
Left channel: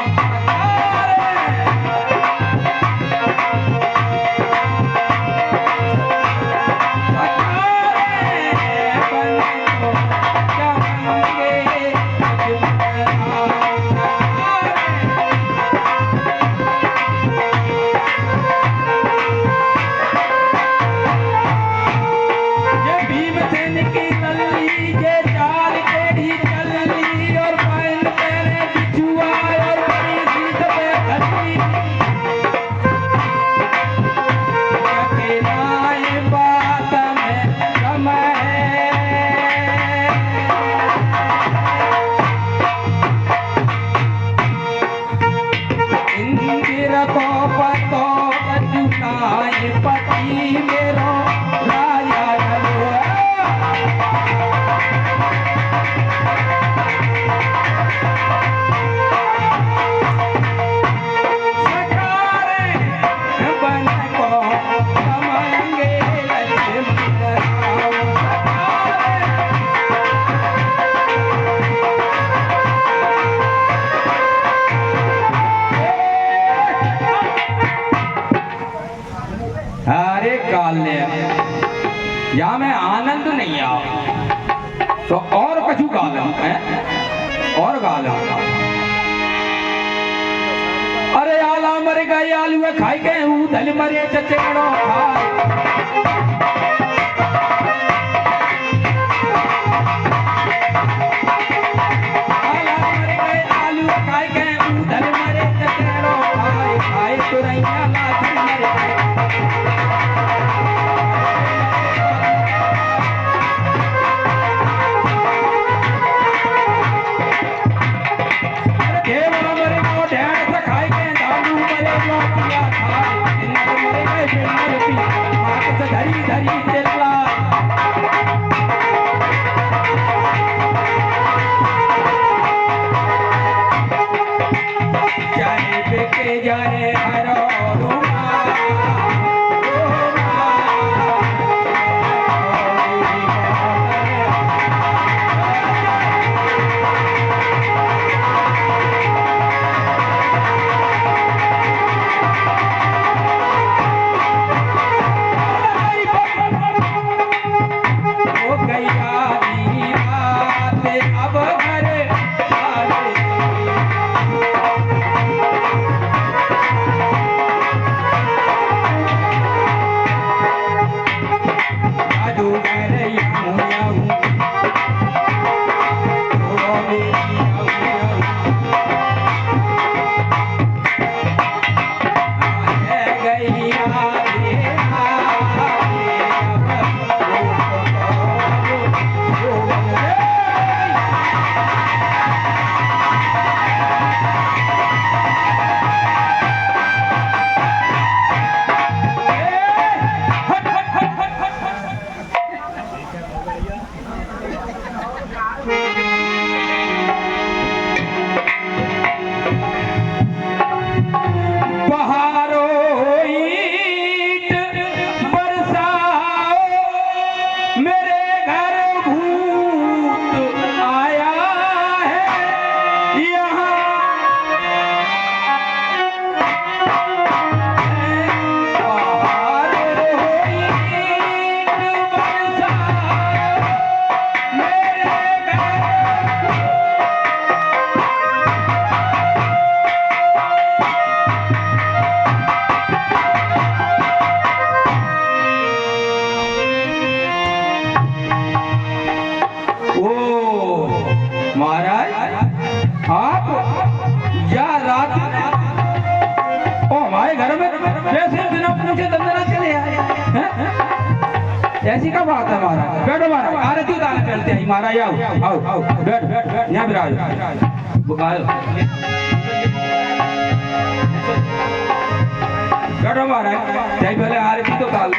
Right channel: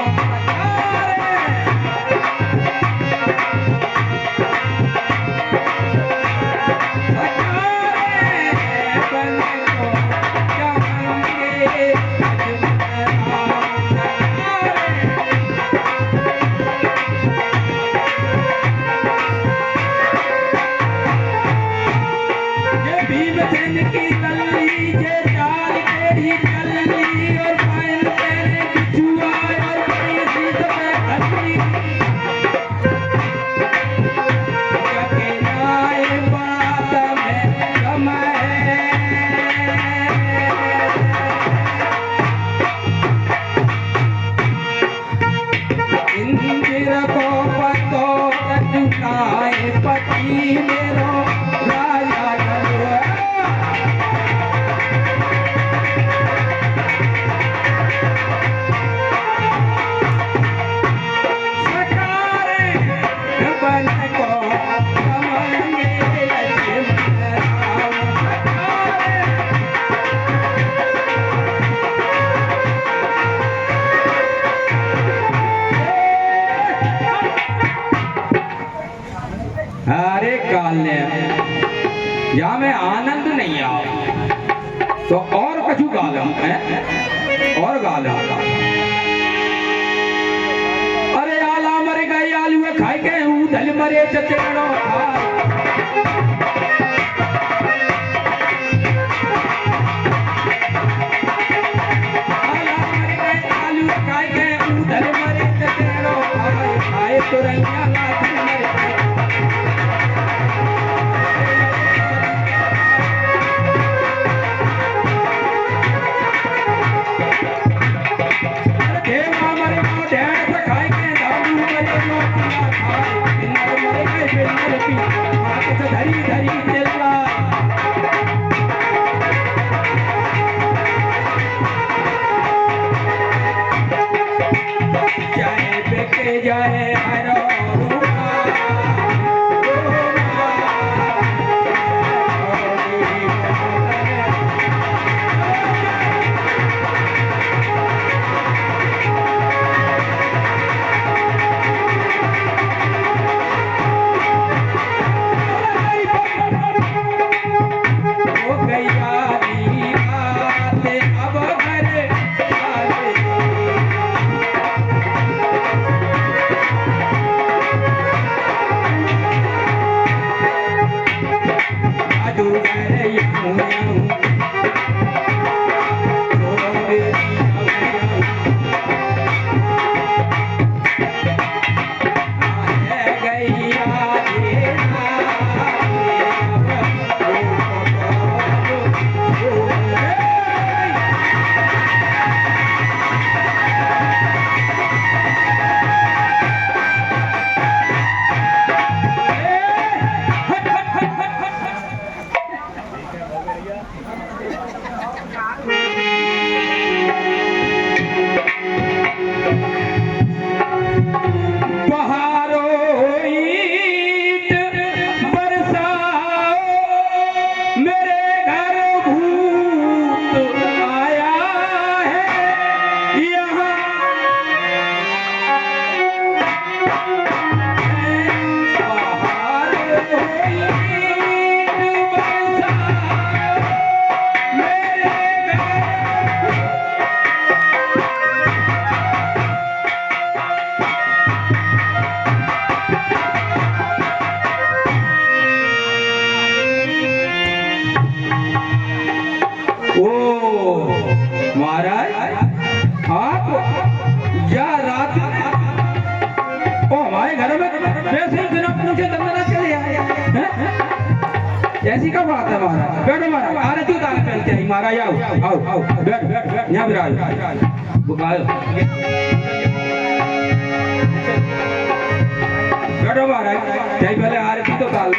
तो और कछु गालम है और गालम। अरे आला मर गए आलू खाई के धल मरे चचेड़ो खाए। आला मर गए आलू खाई के धल मरे चचेड़ो खाए। खाए तो रैया लाथ मरे जाए हरो महाराज आप या रात ओ हमारे घर में जैसे बिना पूछे दंगना चले आए हैं? ऐसी क्या बात है महाराज? बैठो महाराज, आरती उतारने चलते हैं महाराज। आओ आओ आओ बैठ बैठ यहाँ विराज बैठो महाराज। यही पहले आरती तो उतार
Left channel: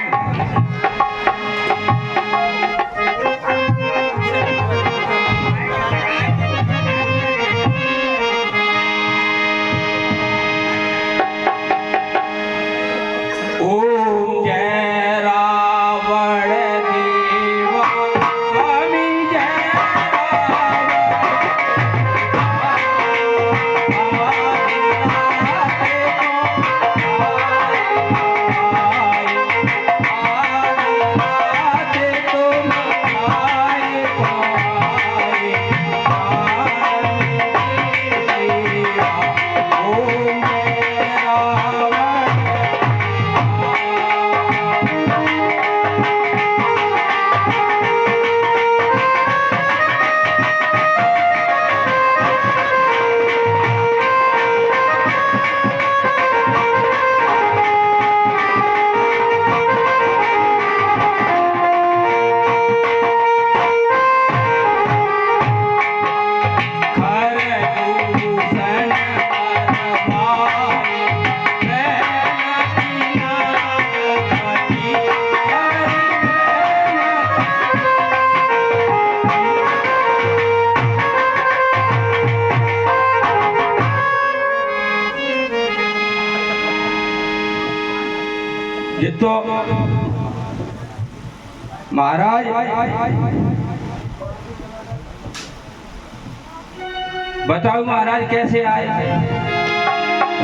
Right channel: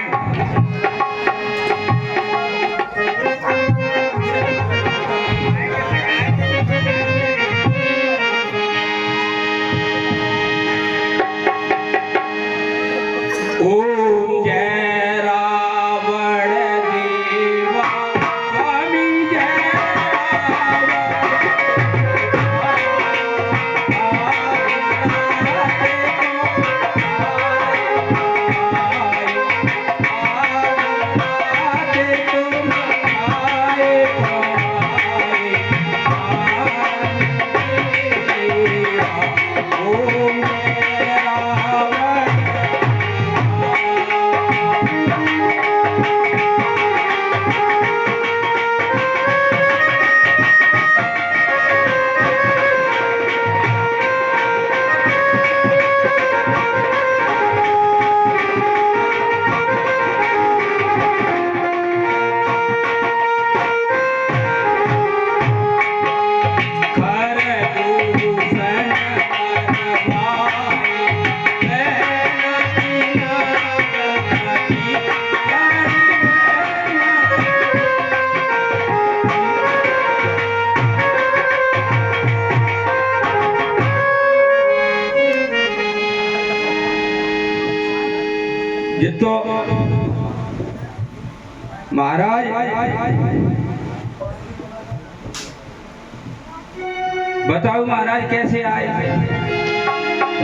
ये तो महाराज बताओ महाराज कैसे आए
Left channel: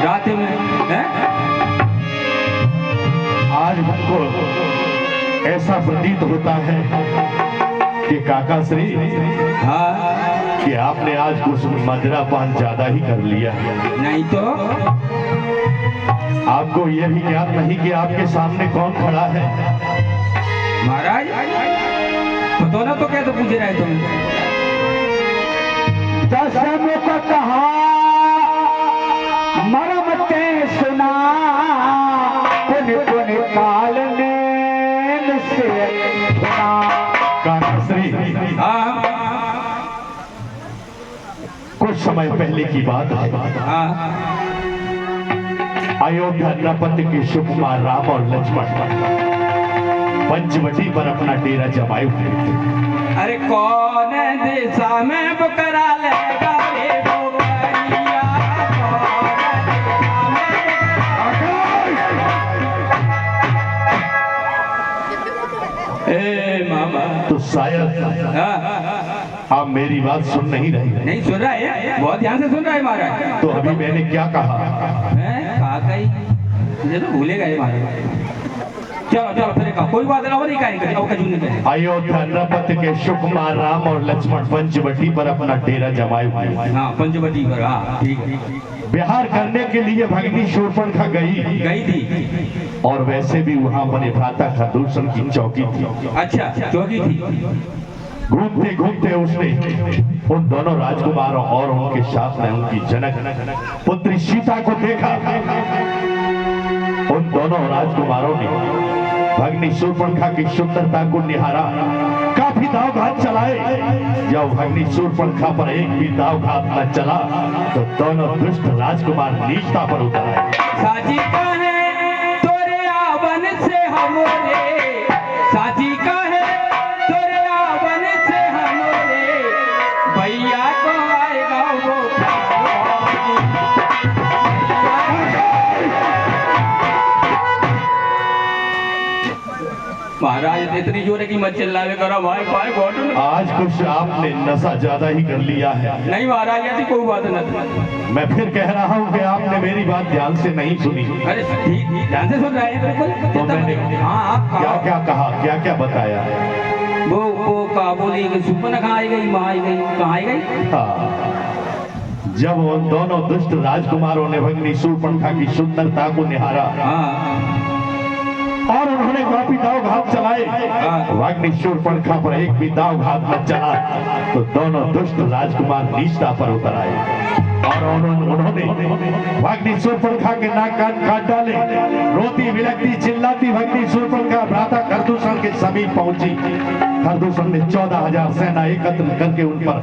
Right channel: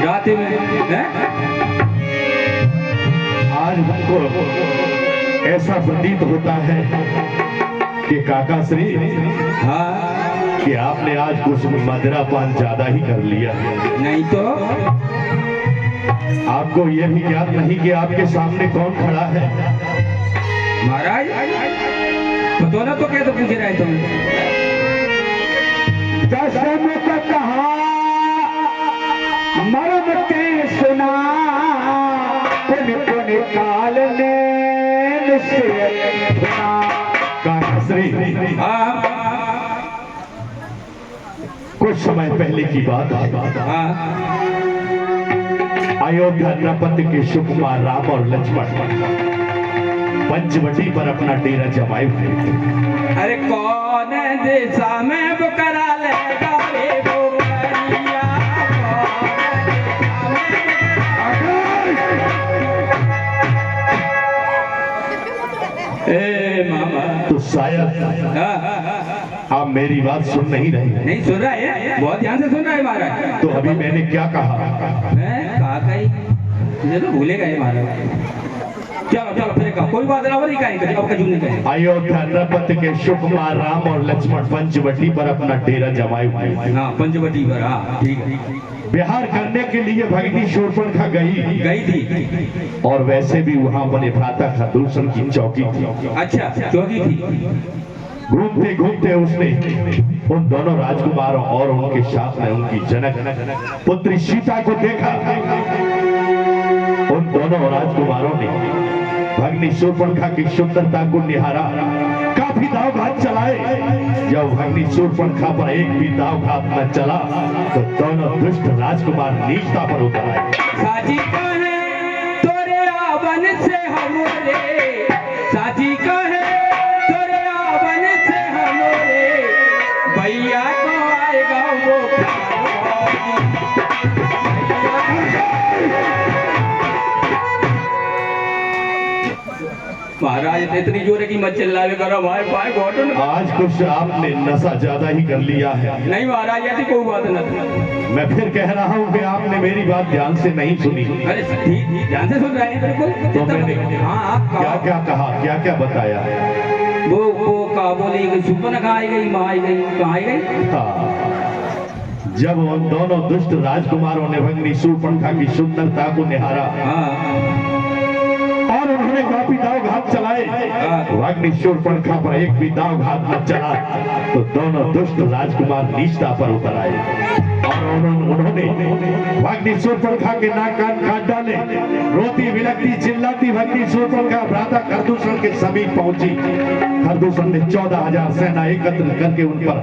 रात में हैं? आज हमको ऐसा प्रतीत होता है कि काका श्री हाँ कि आपने आज कुछ मदिरा पान ज्यादा ही कर लिया है। नहीं तो आपको यह भी ज्ञात नहीं कि आपके सामने कौन खड़ा है। महाराज पता ना तो क्या तो पूछ रहे तुम। दशम को कहा मरम के सुना पुन पुन काल ने मुझसे सुना। काका श्री हाँ कुछ समय पहले की बात है। हाँ अयोध्या नृपति के सुकुमार राम और लक्ष्मण पंचवटी पर अपना डेरा जमाए हुए थे। अरे कौन दिशा में बुकरा लेगा रे बुकरिया, कौन दिशा में ए मामा तो शायद आप मेरी बात सुन नहीं रहे। नहीं सुन रहा है, बहुत ध्यान से सुन रहा है महाराज। तो अभी मैंने क्या कहा? मैं कहा कहीं मुझे तो भूले गए महाराज। चलो चलो फिर कहा कोई बात नहीं कहेंगे अब कहीं नहीं कहेंगे। अयोध्या नृपति के सुकुमार राम और लक्ष्मण पंचवटी पर अपना डेरा जमाए हुए थे। हाँ पंचवटी पर, हाँ ठीक है। बिहार करने के लिए भगनी शूर्पणखा गई थी और वैसे भी वहां बने भ्राता खरदूषण की चौकी थी। अच्छा चौकी थी। घूमते घूमते उसने उन दोनों राजकुमारों और उनके साथ में उनकी जनक पुत्री सीता को देखा। उन दोनों राजकुमारों ने भगनी शूर्पणखा की सुंदरता को निहारा, काफी दाव घात चलाए। जब भगनी शूर्पणखा पर एक भी दाव घात न चला तो दोनों दुष्ट राजकुमार नीचता पर उतर आए। साची कहे तोरे आवन से हमरे, साची कहे तोरे आवन से हमरे, भैया को आएगा वो महाराज इतनी जोर की मत चिल्लावे करो भाई भाई घोटन। आज कुछ आपने नशा ज्यादा ही कर लिया है। नहीं महाराज ऐसी कोई बात नहीं। मैं फिर कह रहा हूँ कि आपने मेरी बात ध्यान से नहीं सुनी। अरे ठीक ध्यान से सुन रहे हैं बिल्कुल। तो मैंने हाँ क्या क्या कहा, क्या क्या बताया? वो कहा बोली कि शूर्पणखा आई गई, माँ आई गई, कहाँ आई गई? हाँ, जब उन दोनों दुष्ट राजकुमारों ने भगनी शूर्पणखा की सुंदरता को निहारा और उन्होंने काफी दाव घात चलाए, भगनी शूर्पणखा पर एक भी दाव घात न चला तो दोनों दुष्ट राजकुमार नीचता पर उतर आए और उन्होंने भगनी शूर्पणखा के नाक कान काट डाले। रोती बिलखती चिल्लाती भगनी शूर्पणखा भ्राता खरदूषण के समीप पहुंची। खरदूषण ने 14,000 सेना एकत्र करके उन पर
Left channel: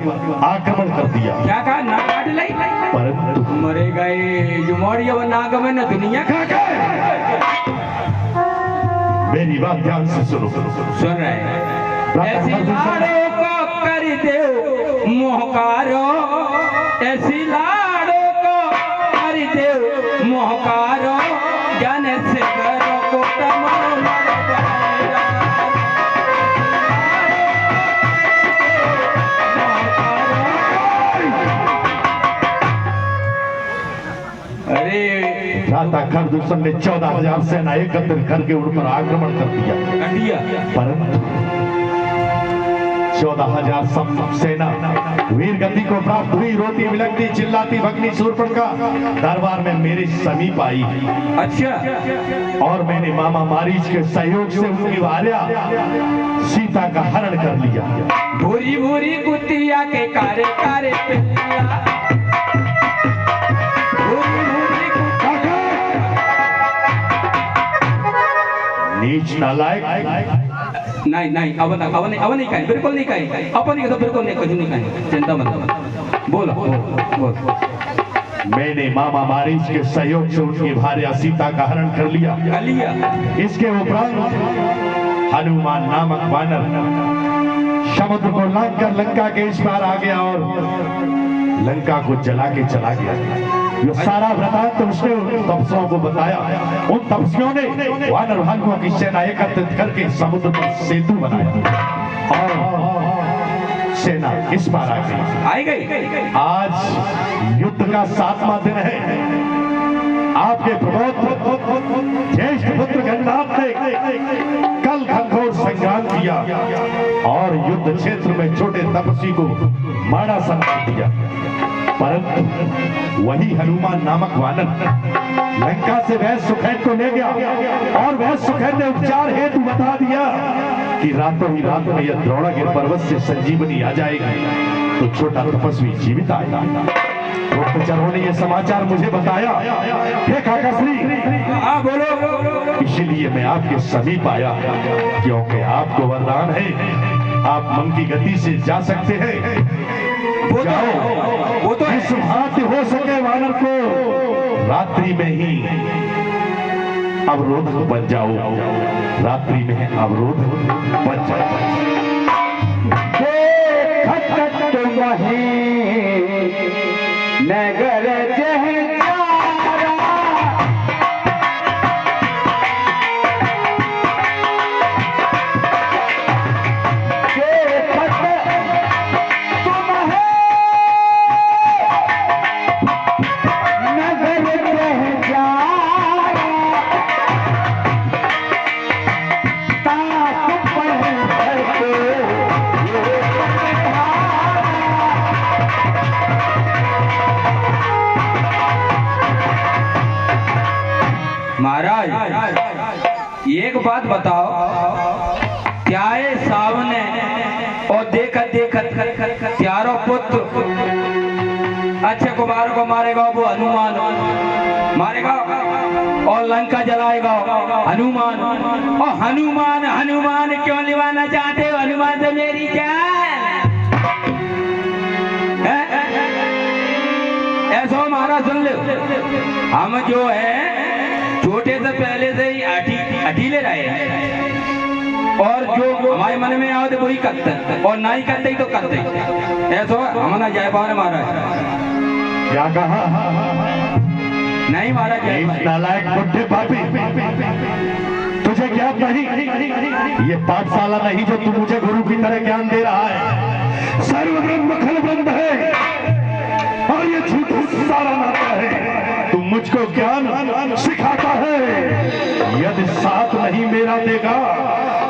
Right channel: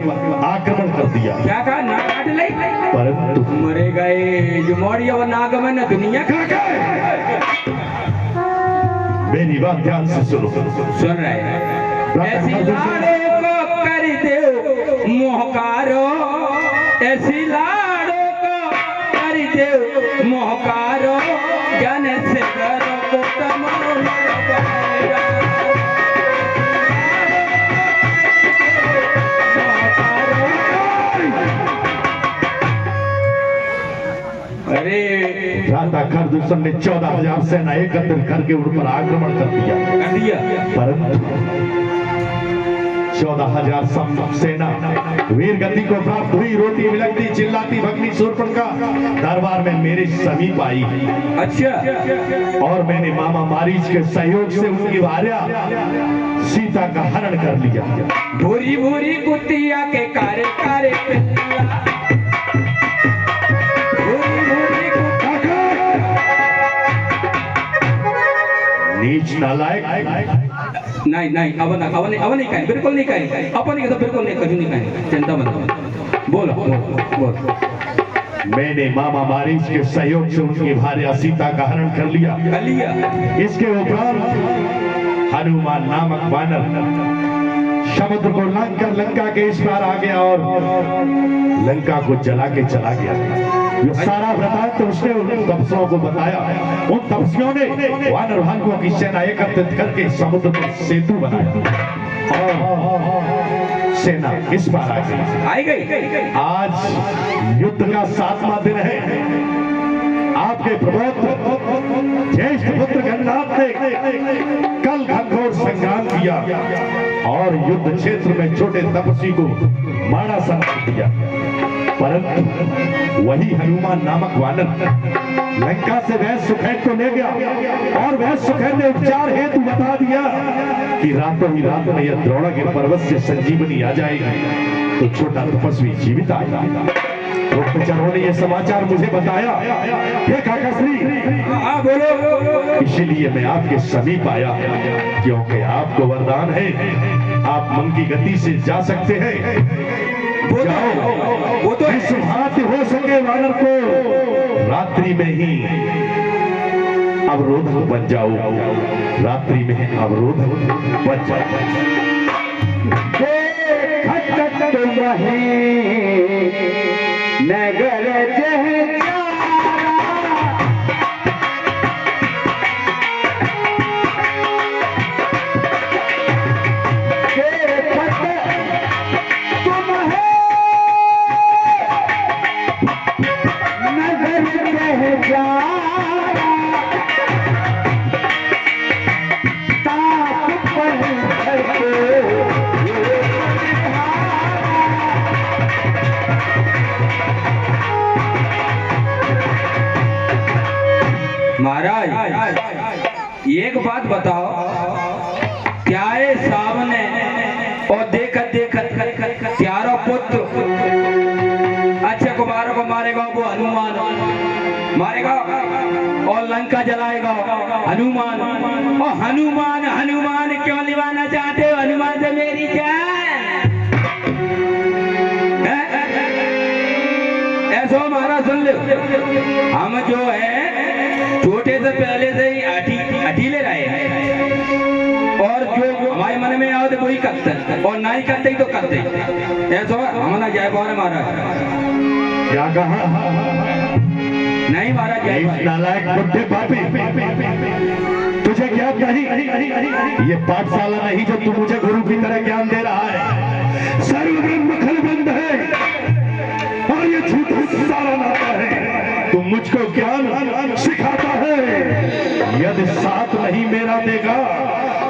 आक्रमण कर दिया। क्या कहा? नाक काट ली, परंतु मरे गए जो मोड़िया वो नाग में न दुनिया खा गए। मेरी बात ध्यान से सुनो। सुन रहे हैं। ऐसी लाड़ों को कर दे मोहकारो, ऐसी लाड़ों को कर दे मोहकारो, ज्ञान से करो को कमाओ मरवाएगा। अरे भ्राता खरदूषण ने 14,000 सेना एकत्र करके उन पर आक्रमण कर दिया। परंतु 14,000 सेना वीर गति को प्राप्त हुई। रोती बिलखती चिल्लाती भगनी शूर्पणखा दरबार में मेरे समीप आई। अच्छा। और मैंने मामा मारीच के सहयोग से उनकी भार्या सीता का हरण कर लिया। भूरी भूरी कुतिया के कारे कारे पिल्ला, नीच नालायक। नहीं नहीं अब नहीं कहें, बिल्कुल नहीं कहें। अपन के तो बिल्कुल नहीं, कुछ नहीं कहें, चिंता मत। बोलो बोलो। मैंने मामा मारीच के सहयोग से उनकी भार्या सीता का हरण कर लिया। इसके उपरांत हनुमान नामक वानर समुद्र को लांघ कर लंका के इस पार आ गया और लंका को जला के चला गया। ये सारा वृतांत तो उसने उन तपस्वियों को बताया। उन तपस्वियों ने वानर भालुओं की सेना एकत्रित करके समुद्र पर सेतु बनाया और सेना इस पार आ गई। आज युद्ध का 7वां दिन है। आपके प्रबोध ज्येष्ठ पुत्र गणनाथ ने कल घनघोर संग्राम किया। और युद्ध क्षेत्र में छोटे तपस्वी को मारा समझ दिया। परंतु वही हनुमान नामक वानर लंका से वह सुखैत को ले गया और वह सुखैत ने उपचार हेतु बता दिया कि रातों ही रात में यह द्रोणागिरि पर्वत से संजीवनी आ जाएगी तो छोटा तपस्वी जीवित आएगा। गुप्तचरों ने यह समाचार मुझे बताया। हे काकाश्री, बोलो। इसीलिए मैं आपके समीप आया क्योंकि आपको वरदान है, आप मन की गति से जा सकते हैं। वो तो इस हाथ हो सके वानर को रात्रि में ही अवरोध बन जाओ, रात्रि में अवरोध बन जाओ। नगर महाराज, एक बात बताओ, क्या है सामने और देखत देखत त्यारो पुत्र अच्छे कुमारों को मारेगा वो हनुमान मारेगा और लंका जलाएगा हनुमान। और हनुमान हनुमान क्यों निभाना चाहते हो? हनुमान से मेरी क्या ऐसा महाराज सुन लो, हम जो है छोटे से पहले से ही अठीले रहे हैं और जो हमारे मन में आओ तो वही करते हैं और ना ही करते ही तो करते हैं। ऐसा हमारा जय भवन महाराज। क्या कहा? नहीं महाराज, जय नालायक बुढ़े पापी, तुझे ज्ञान नहीं, ये पाठशाला नहीं जो तू मुझे गुरु की तरह ज्ञान दे रहा है। सर्वब्रह्म खलबंद है और ये झूठा सारा नाता है। तू मुझको ज्ञान सिखाता है, यदि साथ नहीं मेरा देगा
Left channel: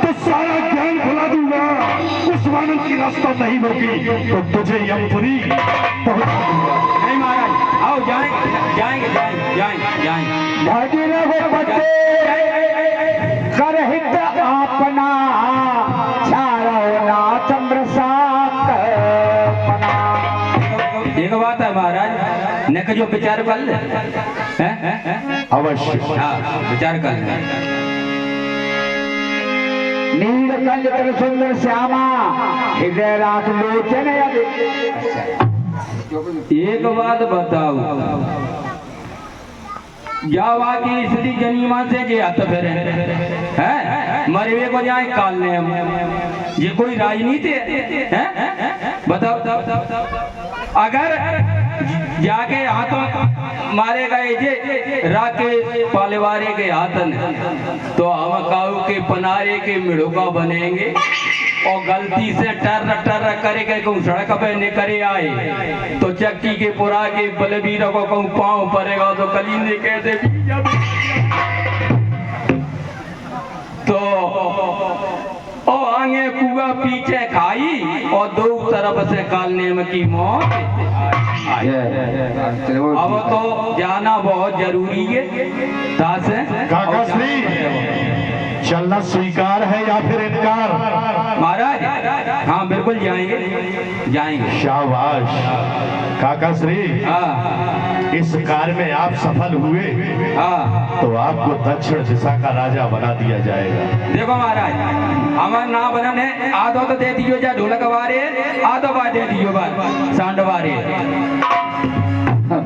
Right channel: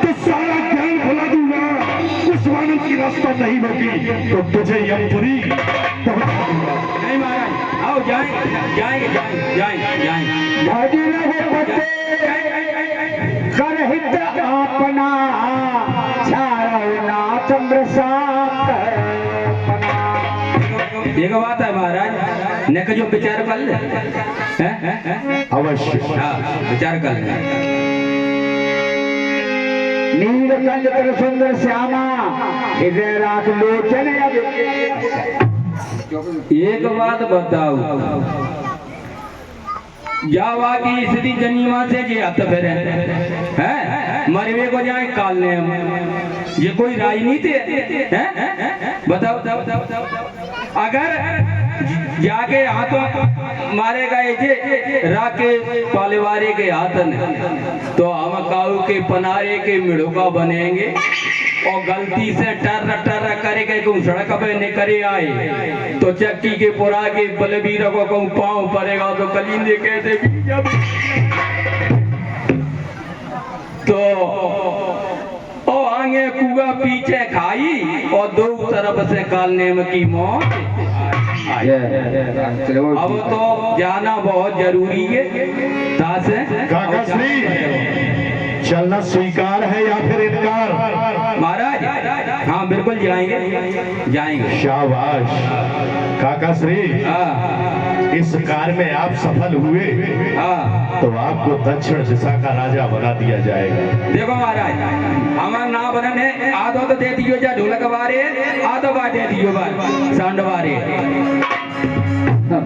तो सारा ज्ञान भुला दूंगा। उस वानर की रास्ता नहीं होगी तो तुझे यमपुरी पहुंचा दूंगा। नहीं महाराज, आओ जाएंगे जाएंगे जाएंगे जाएंगे। करहित अपना छाया चंद्र साथ। एक बात है महाराज, ने जो विचार कर ले अवश्य। हाँ, विचार कर ले। नीलकंठ कर सुंदर श्यामा हृदय राख लोचन। एक बात बताओ, जावा की स्त्री जनीमा से जे हथ फेरे हैं, मरवे को जाए कालने में, ये कोई राजनीति है? बताओ। अगर जाके हाथों मारे गए जे राकेश पालेवारे के हाथन तो हम काऊ के पनारे के मिड़ुका बनेंगे और गलती से टर करके कहूँ सड़क पे निकले आए तो चक्की के पुरा के बलबीर को कहूँ पाँव पड़ेगा तो कलींदे कैसे तो ओ आगे कुआ पीछे खाई और दो तरफ से कालने में की मौत। अब तो जाना बहुत जरूरी है। काकाश्री, चलना स्वीकार है या फिर इनकार? महाराज हाँ बिल्कुल जाएंगे। शाबाश काकाश्री, हाँ इस कार्य में आप सफल हुए हाँ। तो आपको दक्षिण दिशा का राजा बना दिया जाएगा। देखो महाराज, हमारा ना बनन है, आधो तो दे दियो जा ढोलक बारे, आधो बार दे दियो बार सांड बारे।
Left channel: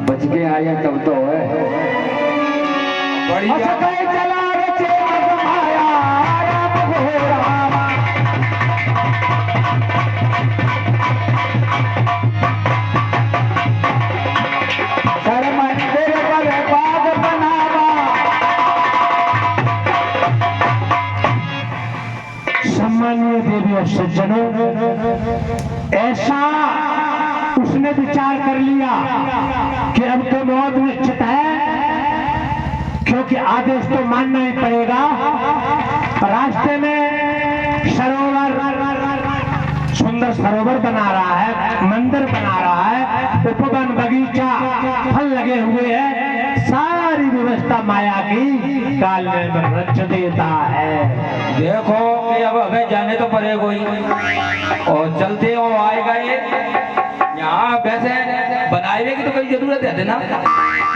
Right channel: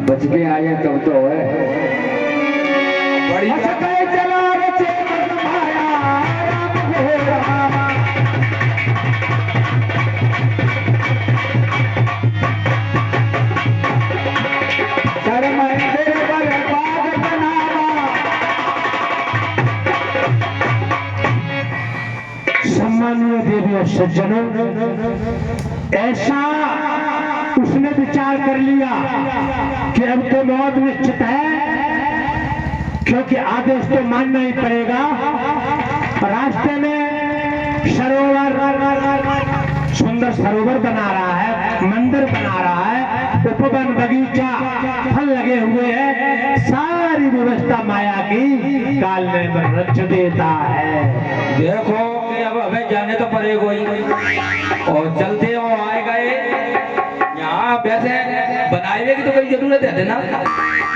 बच के आए तब तो है बड़ी सम्मानीय देवी और सज्जनों, ऐसा उसने विचार कर लिया कि अब तो मौत निश्चित है, क्योंकि आदेश तो मानना ही पड़ेगा। रास्ते में सरोवर सुंदर सरोवर बना रहा है, मंदिर बना रहा है, उपवन बगीचा फल लगे हुए हैं, सारी व्यवस्था माया की काल में रच देता है। देखो कि अब हमें जाने तो पड़ेगा ही, और चलते हो आए गए यहाँ वैसे बनाए हुए की तो कोई जरूरत है ना,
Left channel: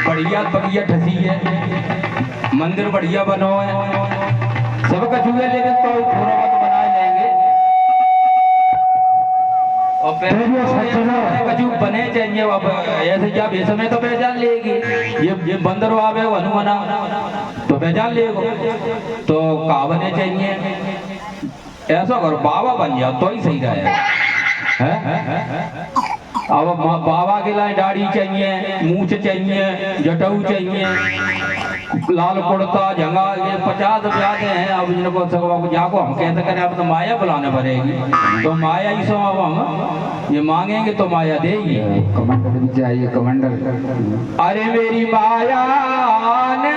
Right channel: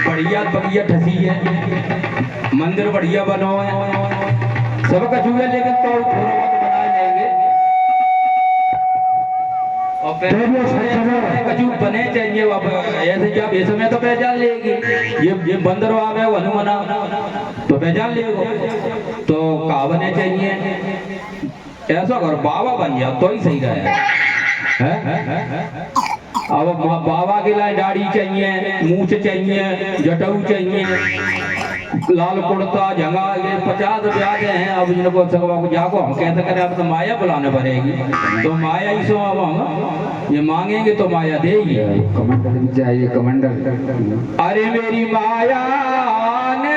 बढ़िया बढ़िया ठसी है, मंदिर बढ़िया बनो है, सब कुछ हुए, लेकिन तो थोड़ा बहुत बना लेंगे और कछु बने चाहिए। अब ऐसे जब इस समय तो पहचान लेगी, ये बंदर आवे हनुमाना तो पहचान लेगो, तो का बने चाहिए, ऐसा कर बाबा बन जाओ तो ही सही रहे है? अब बाबा के लिए दाढ़ी चाहिए, मूछ चाहिए, जटाऊ चाहिए, लाल कुर्ता झंगा, ये 50 रुपया के हैं। अब इनको जाको हम कहते करें अब तो माया बुलाने पड़ेगी, तो माया ही सो अब हम ये मांगेंगे तो माया देगी। कमांडर चाहिए, कमांडर। अरे मेरी माया ने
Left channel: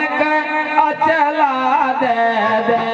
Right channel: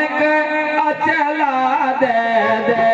अचला दे दे,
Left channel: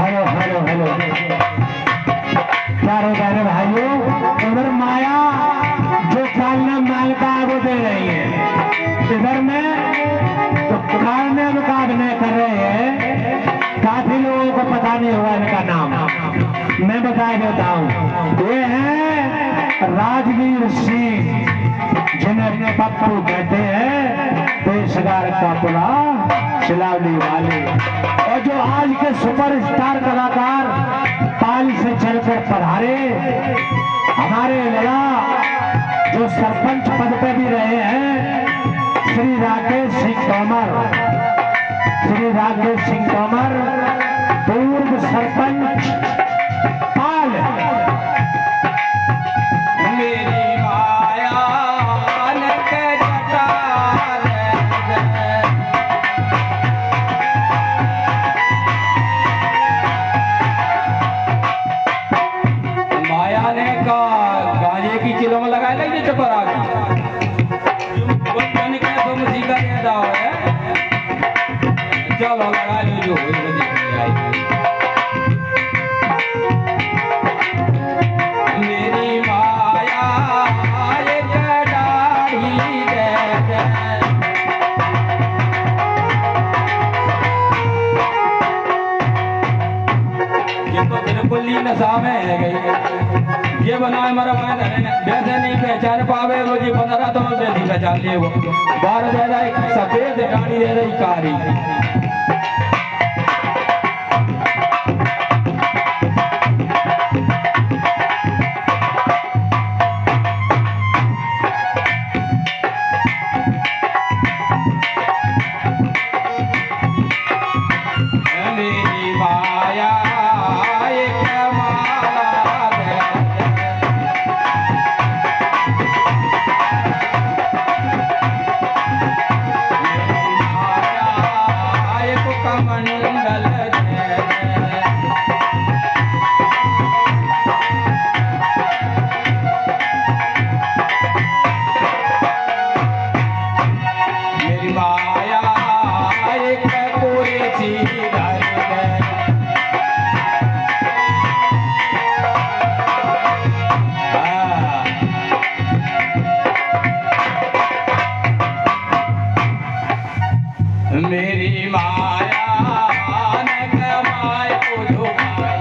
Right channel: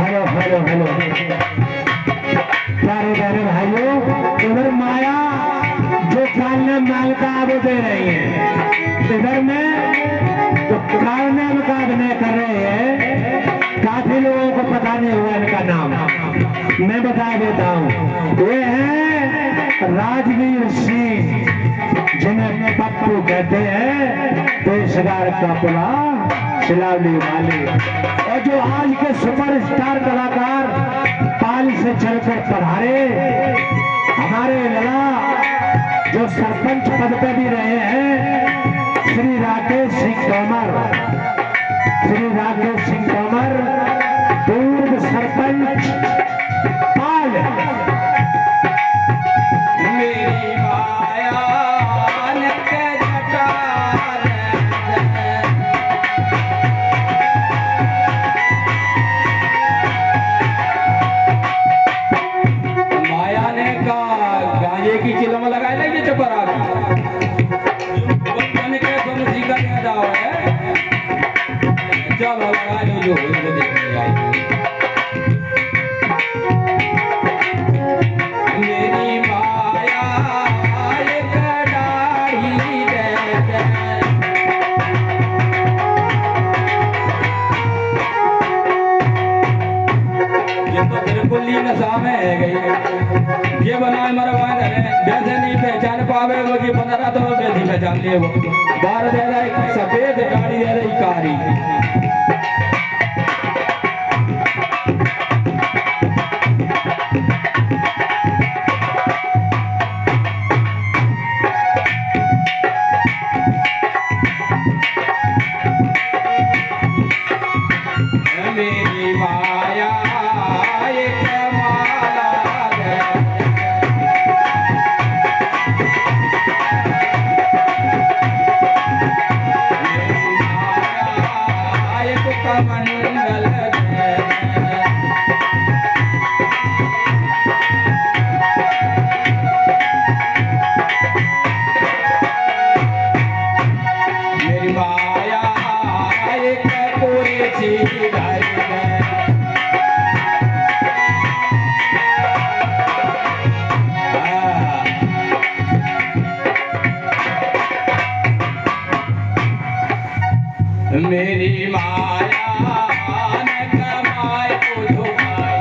हेलो हेलो हेलो, प्यारे प्यारे भाइयों, इधर माया जो कालने मांगता है वो दे रही है, इधर में तो कालने मुकाबले कर रहे हैं। काफी लोगों को पता नहीं हुआ इनका नाम, मैं बता देता हूँ। ये है राजवीर सिंह, जिन्हें पप्पू कहते हैं, पेशगार का पुला सिलाने वाले, और जो आज के सुपरस्टार कलाकार पाल से चलकर पधारे हमारे लड़ा, जो सरपंच पद पर भी रहे हैं, श्री राकेश सिंह तोमर, श्री राकेश सिंह तोमर, पूर्व सरपंच पाल। मेरी माया ने के जटा माया ने का गांजे की चिलम लगाए ना, ये चपरा बच्चन के तुम सीखा नहीं जाओ है, चलो लगा लो जो हुई तो देखने आएगी। मेरी माया एक डाढ़ी दे दे, ये तो बिल्कुल ही नशा में है गई, ये बनाए मरवा रहे वैसे नहीं पहचान पावे वो जी 15 तो वैसे पहचान लिए वो 12 दे रहा है, सफेद दाढ़ी दे रही कारी। मेरी माया एक माला दे मेरी माया एक कमंडल दे, मेरी माया एक पूरी सी घर दे। मेरी माया ने कमाए को झुकाए,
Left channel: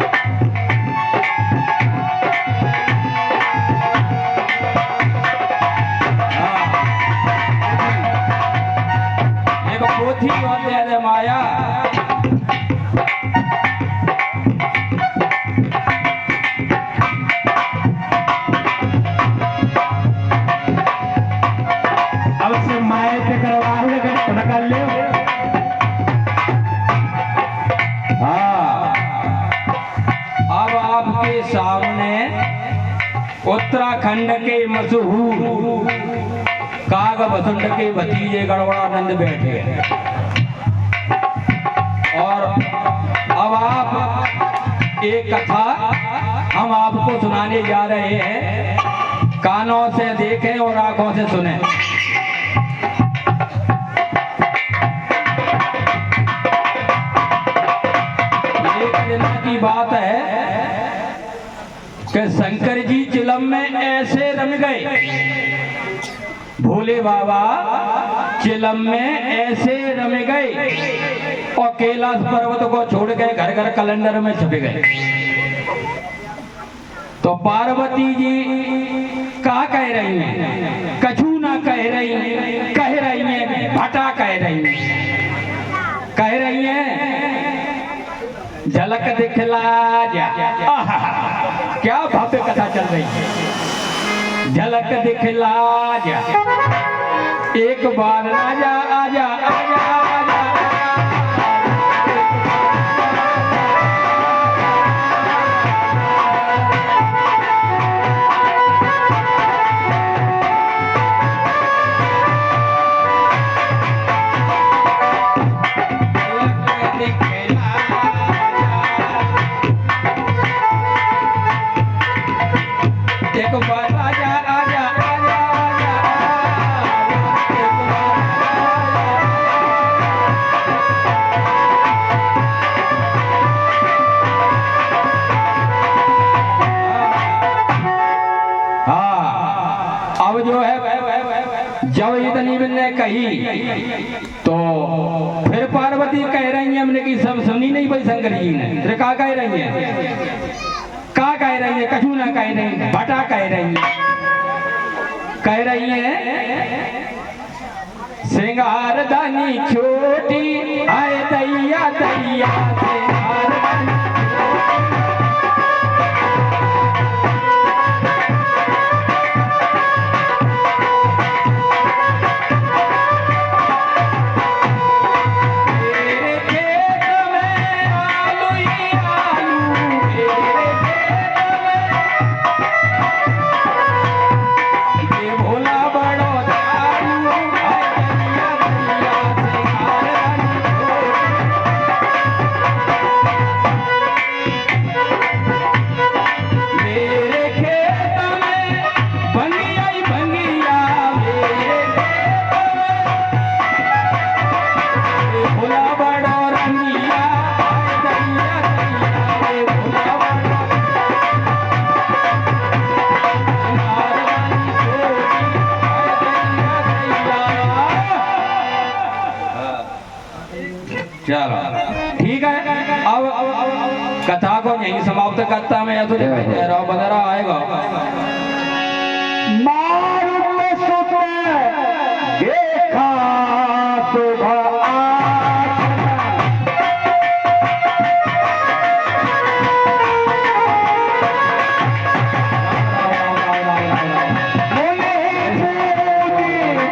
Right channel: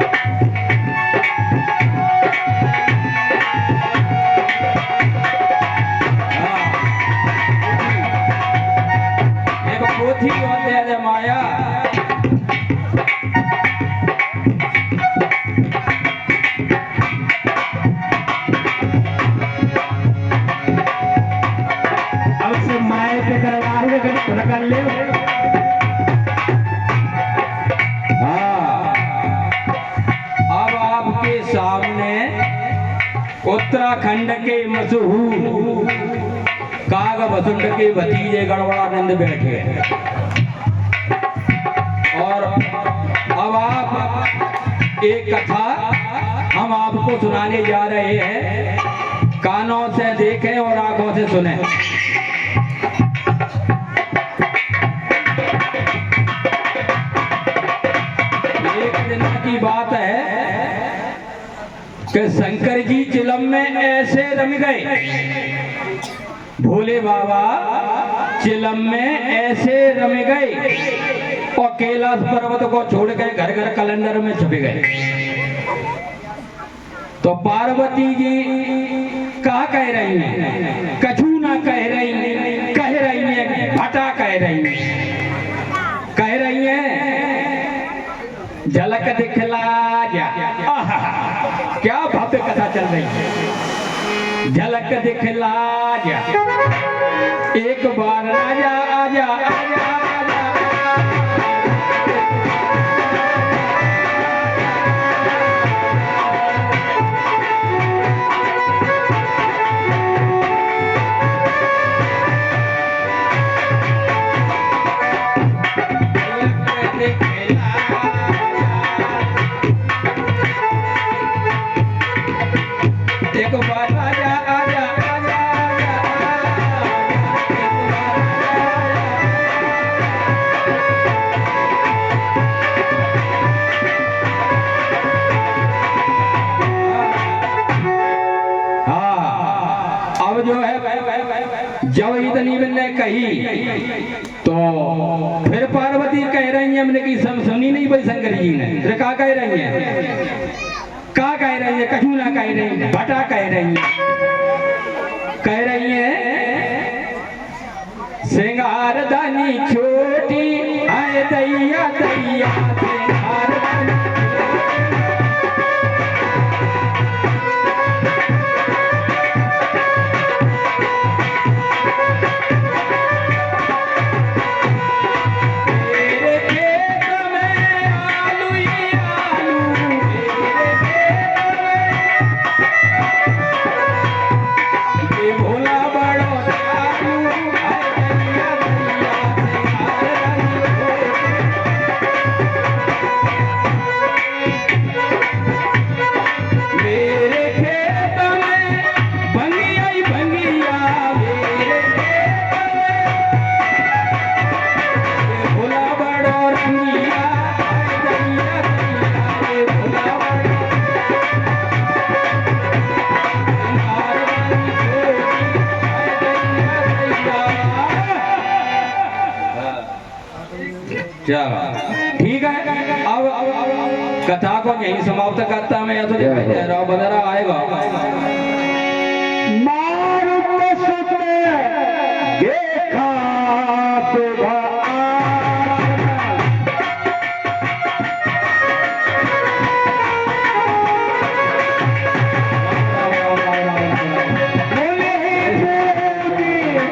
एक पोथी और दे दे माया आपके सामने उत्तराखंड के मशहूर काग बसुंड के भतीजे गड़बड़ानंद बैठे हैं। और अब आप एक कथा हम आपको सुनाने जा रहे हैं, कानों से देखें और आंखों से सुनें। एक दिन की बात है कि शंकर जी चिलम में ऐसे रम गए, भोले बाबा चिलम में ऐसे रम गए और कैलाश पर्वत को छोड़ के घर घर कैलेंडर में छुप गए। तो पार्वती जी क्या कह रही हैं? कछु ना कह रही हैं, भटा कह रही हैं झलक दिखला जा। आहा, क्या भव्य कथा चल रही है। झलक दिखला जा, एक बार आजा आजा आजा आजा। एक बार आजा आजा आजा अब जो है जब इतनी ने कही तो फिर पार्वती कह रही है, हमने की सब सुनी नहीं भाई शंकर जी ने। फिर क्या कह रही है? क्या कह रही है? कछु ना कह रही है, भटा कह रही है सिंगार दानी छोटी आए दैया दैया सिंगार दानी। मेरे खेत में आलू ही आलू, मेरे ये भोला बड़ो दयालु, आए दैया दैया सिंगार दानी। मेरे खेत में भंगिया ही भंगिया, मेरे खेत में ये भोला बड़ो रंगिया, आए दैया दैया ये भोला बड़ो सिंगार दानी छोटी, आए दैया दैया। चलो ठीक है, अब कथा को यहीं समाप्त करता मैं। तो रहा बदरा आएगा। मारुत सुत देखा सुबह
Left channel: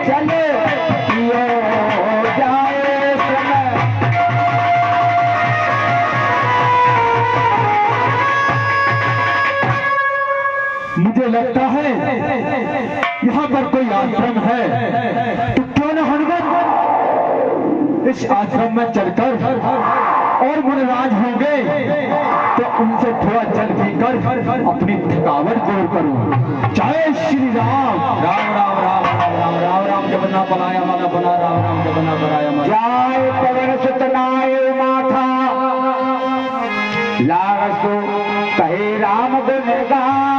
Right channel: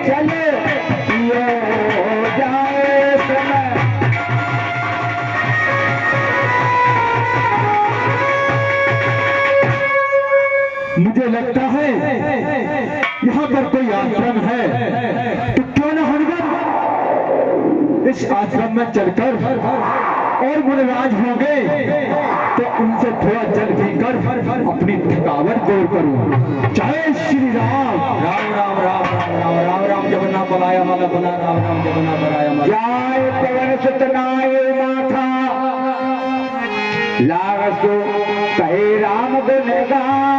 चले जाए समय। मुझे लगता है यहाँ पर कोई आश्रम है, तो क्यों न हनुमान इस आश्रम में चलकर और मुनिराज होंगे तो उनसे थोड़ा जल पीकर अपनी थकावट दूर करूं। जय श्री राम। राम राम राम राम राम राम राम जब ना पलाया माला बना, राम राम जब ना पलाया माला। जाय पवन सुतनाए माथा लागसो कहे राम गुण गान।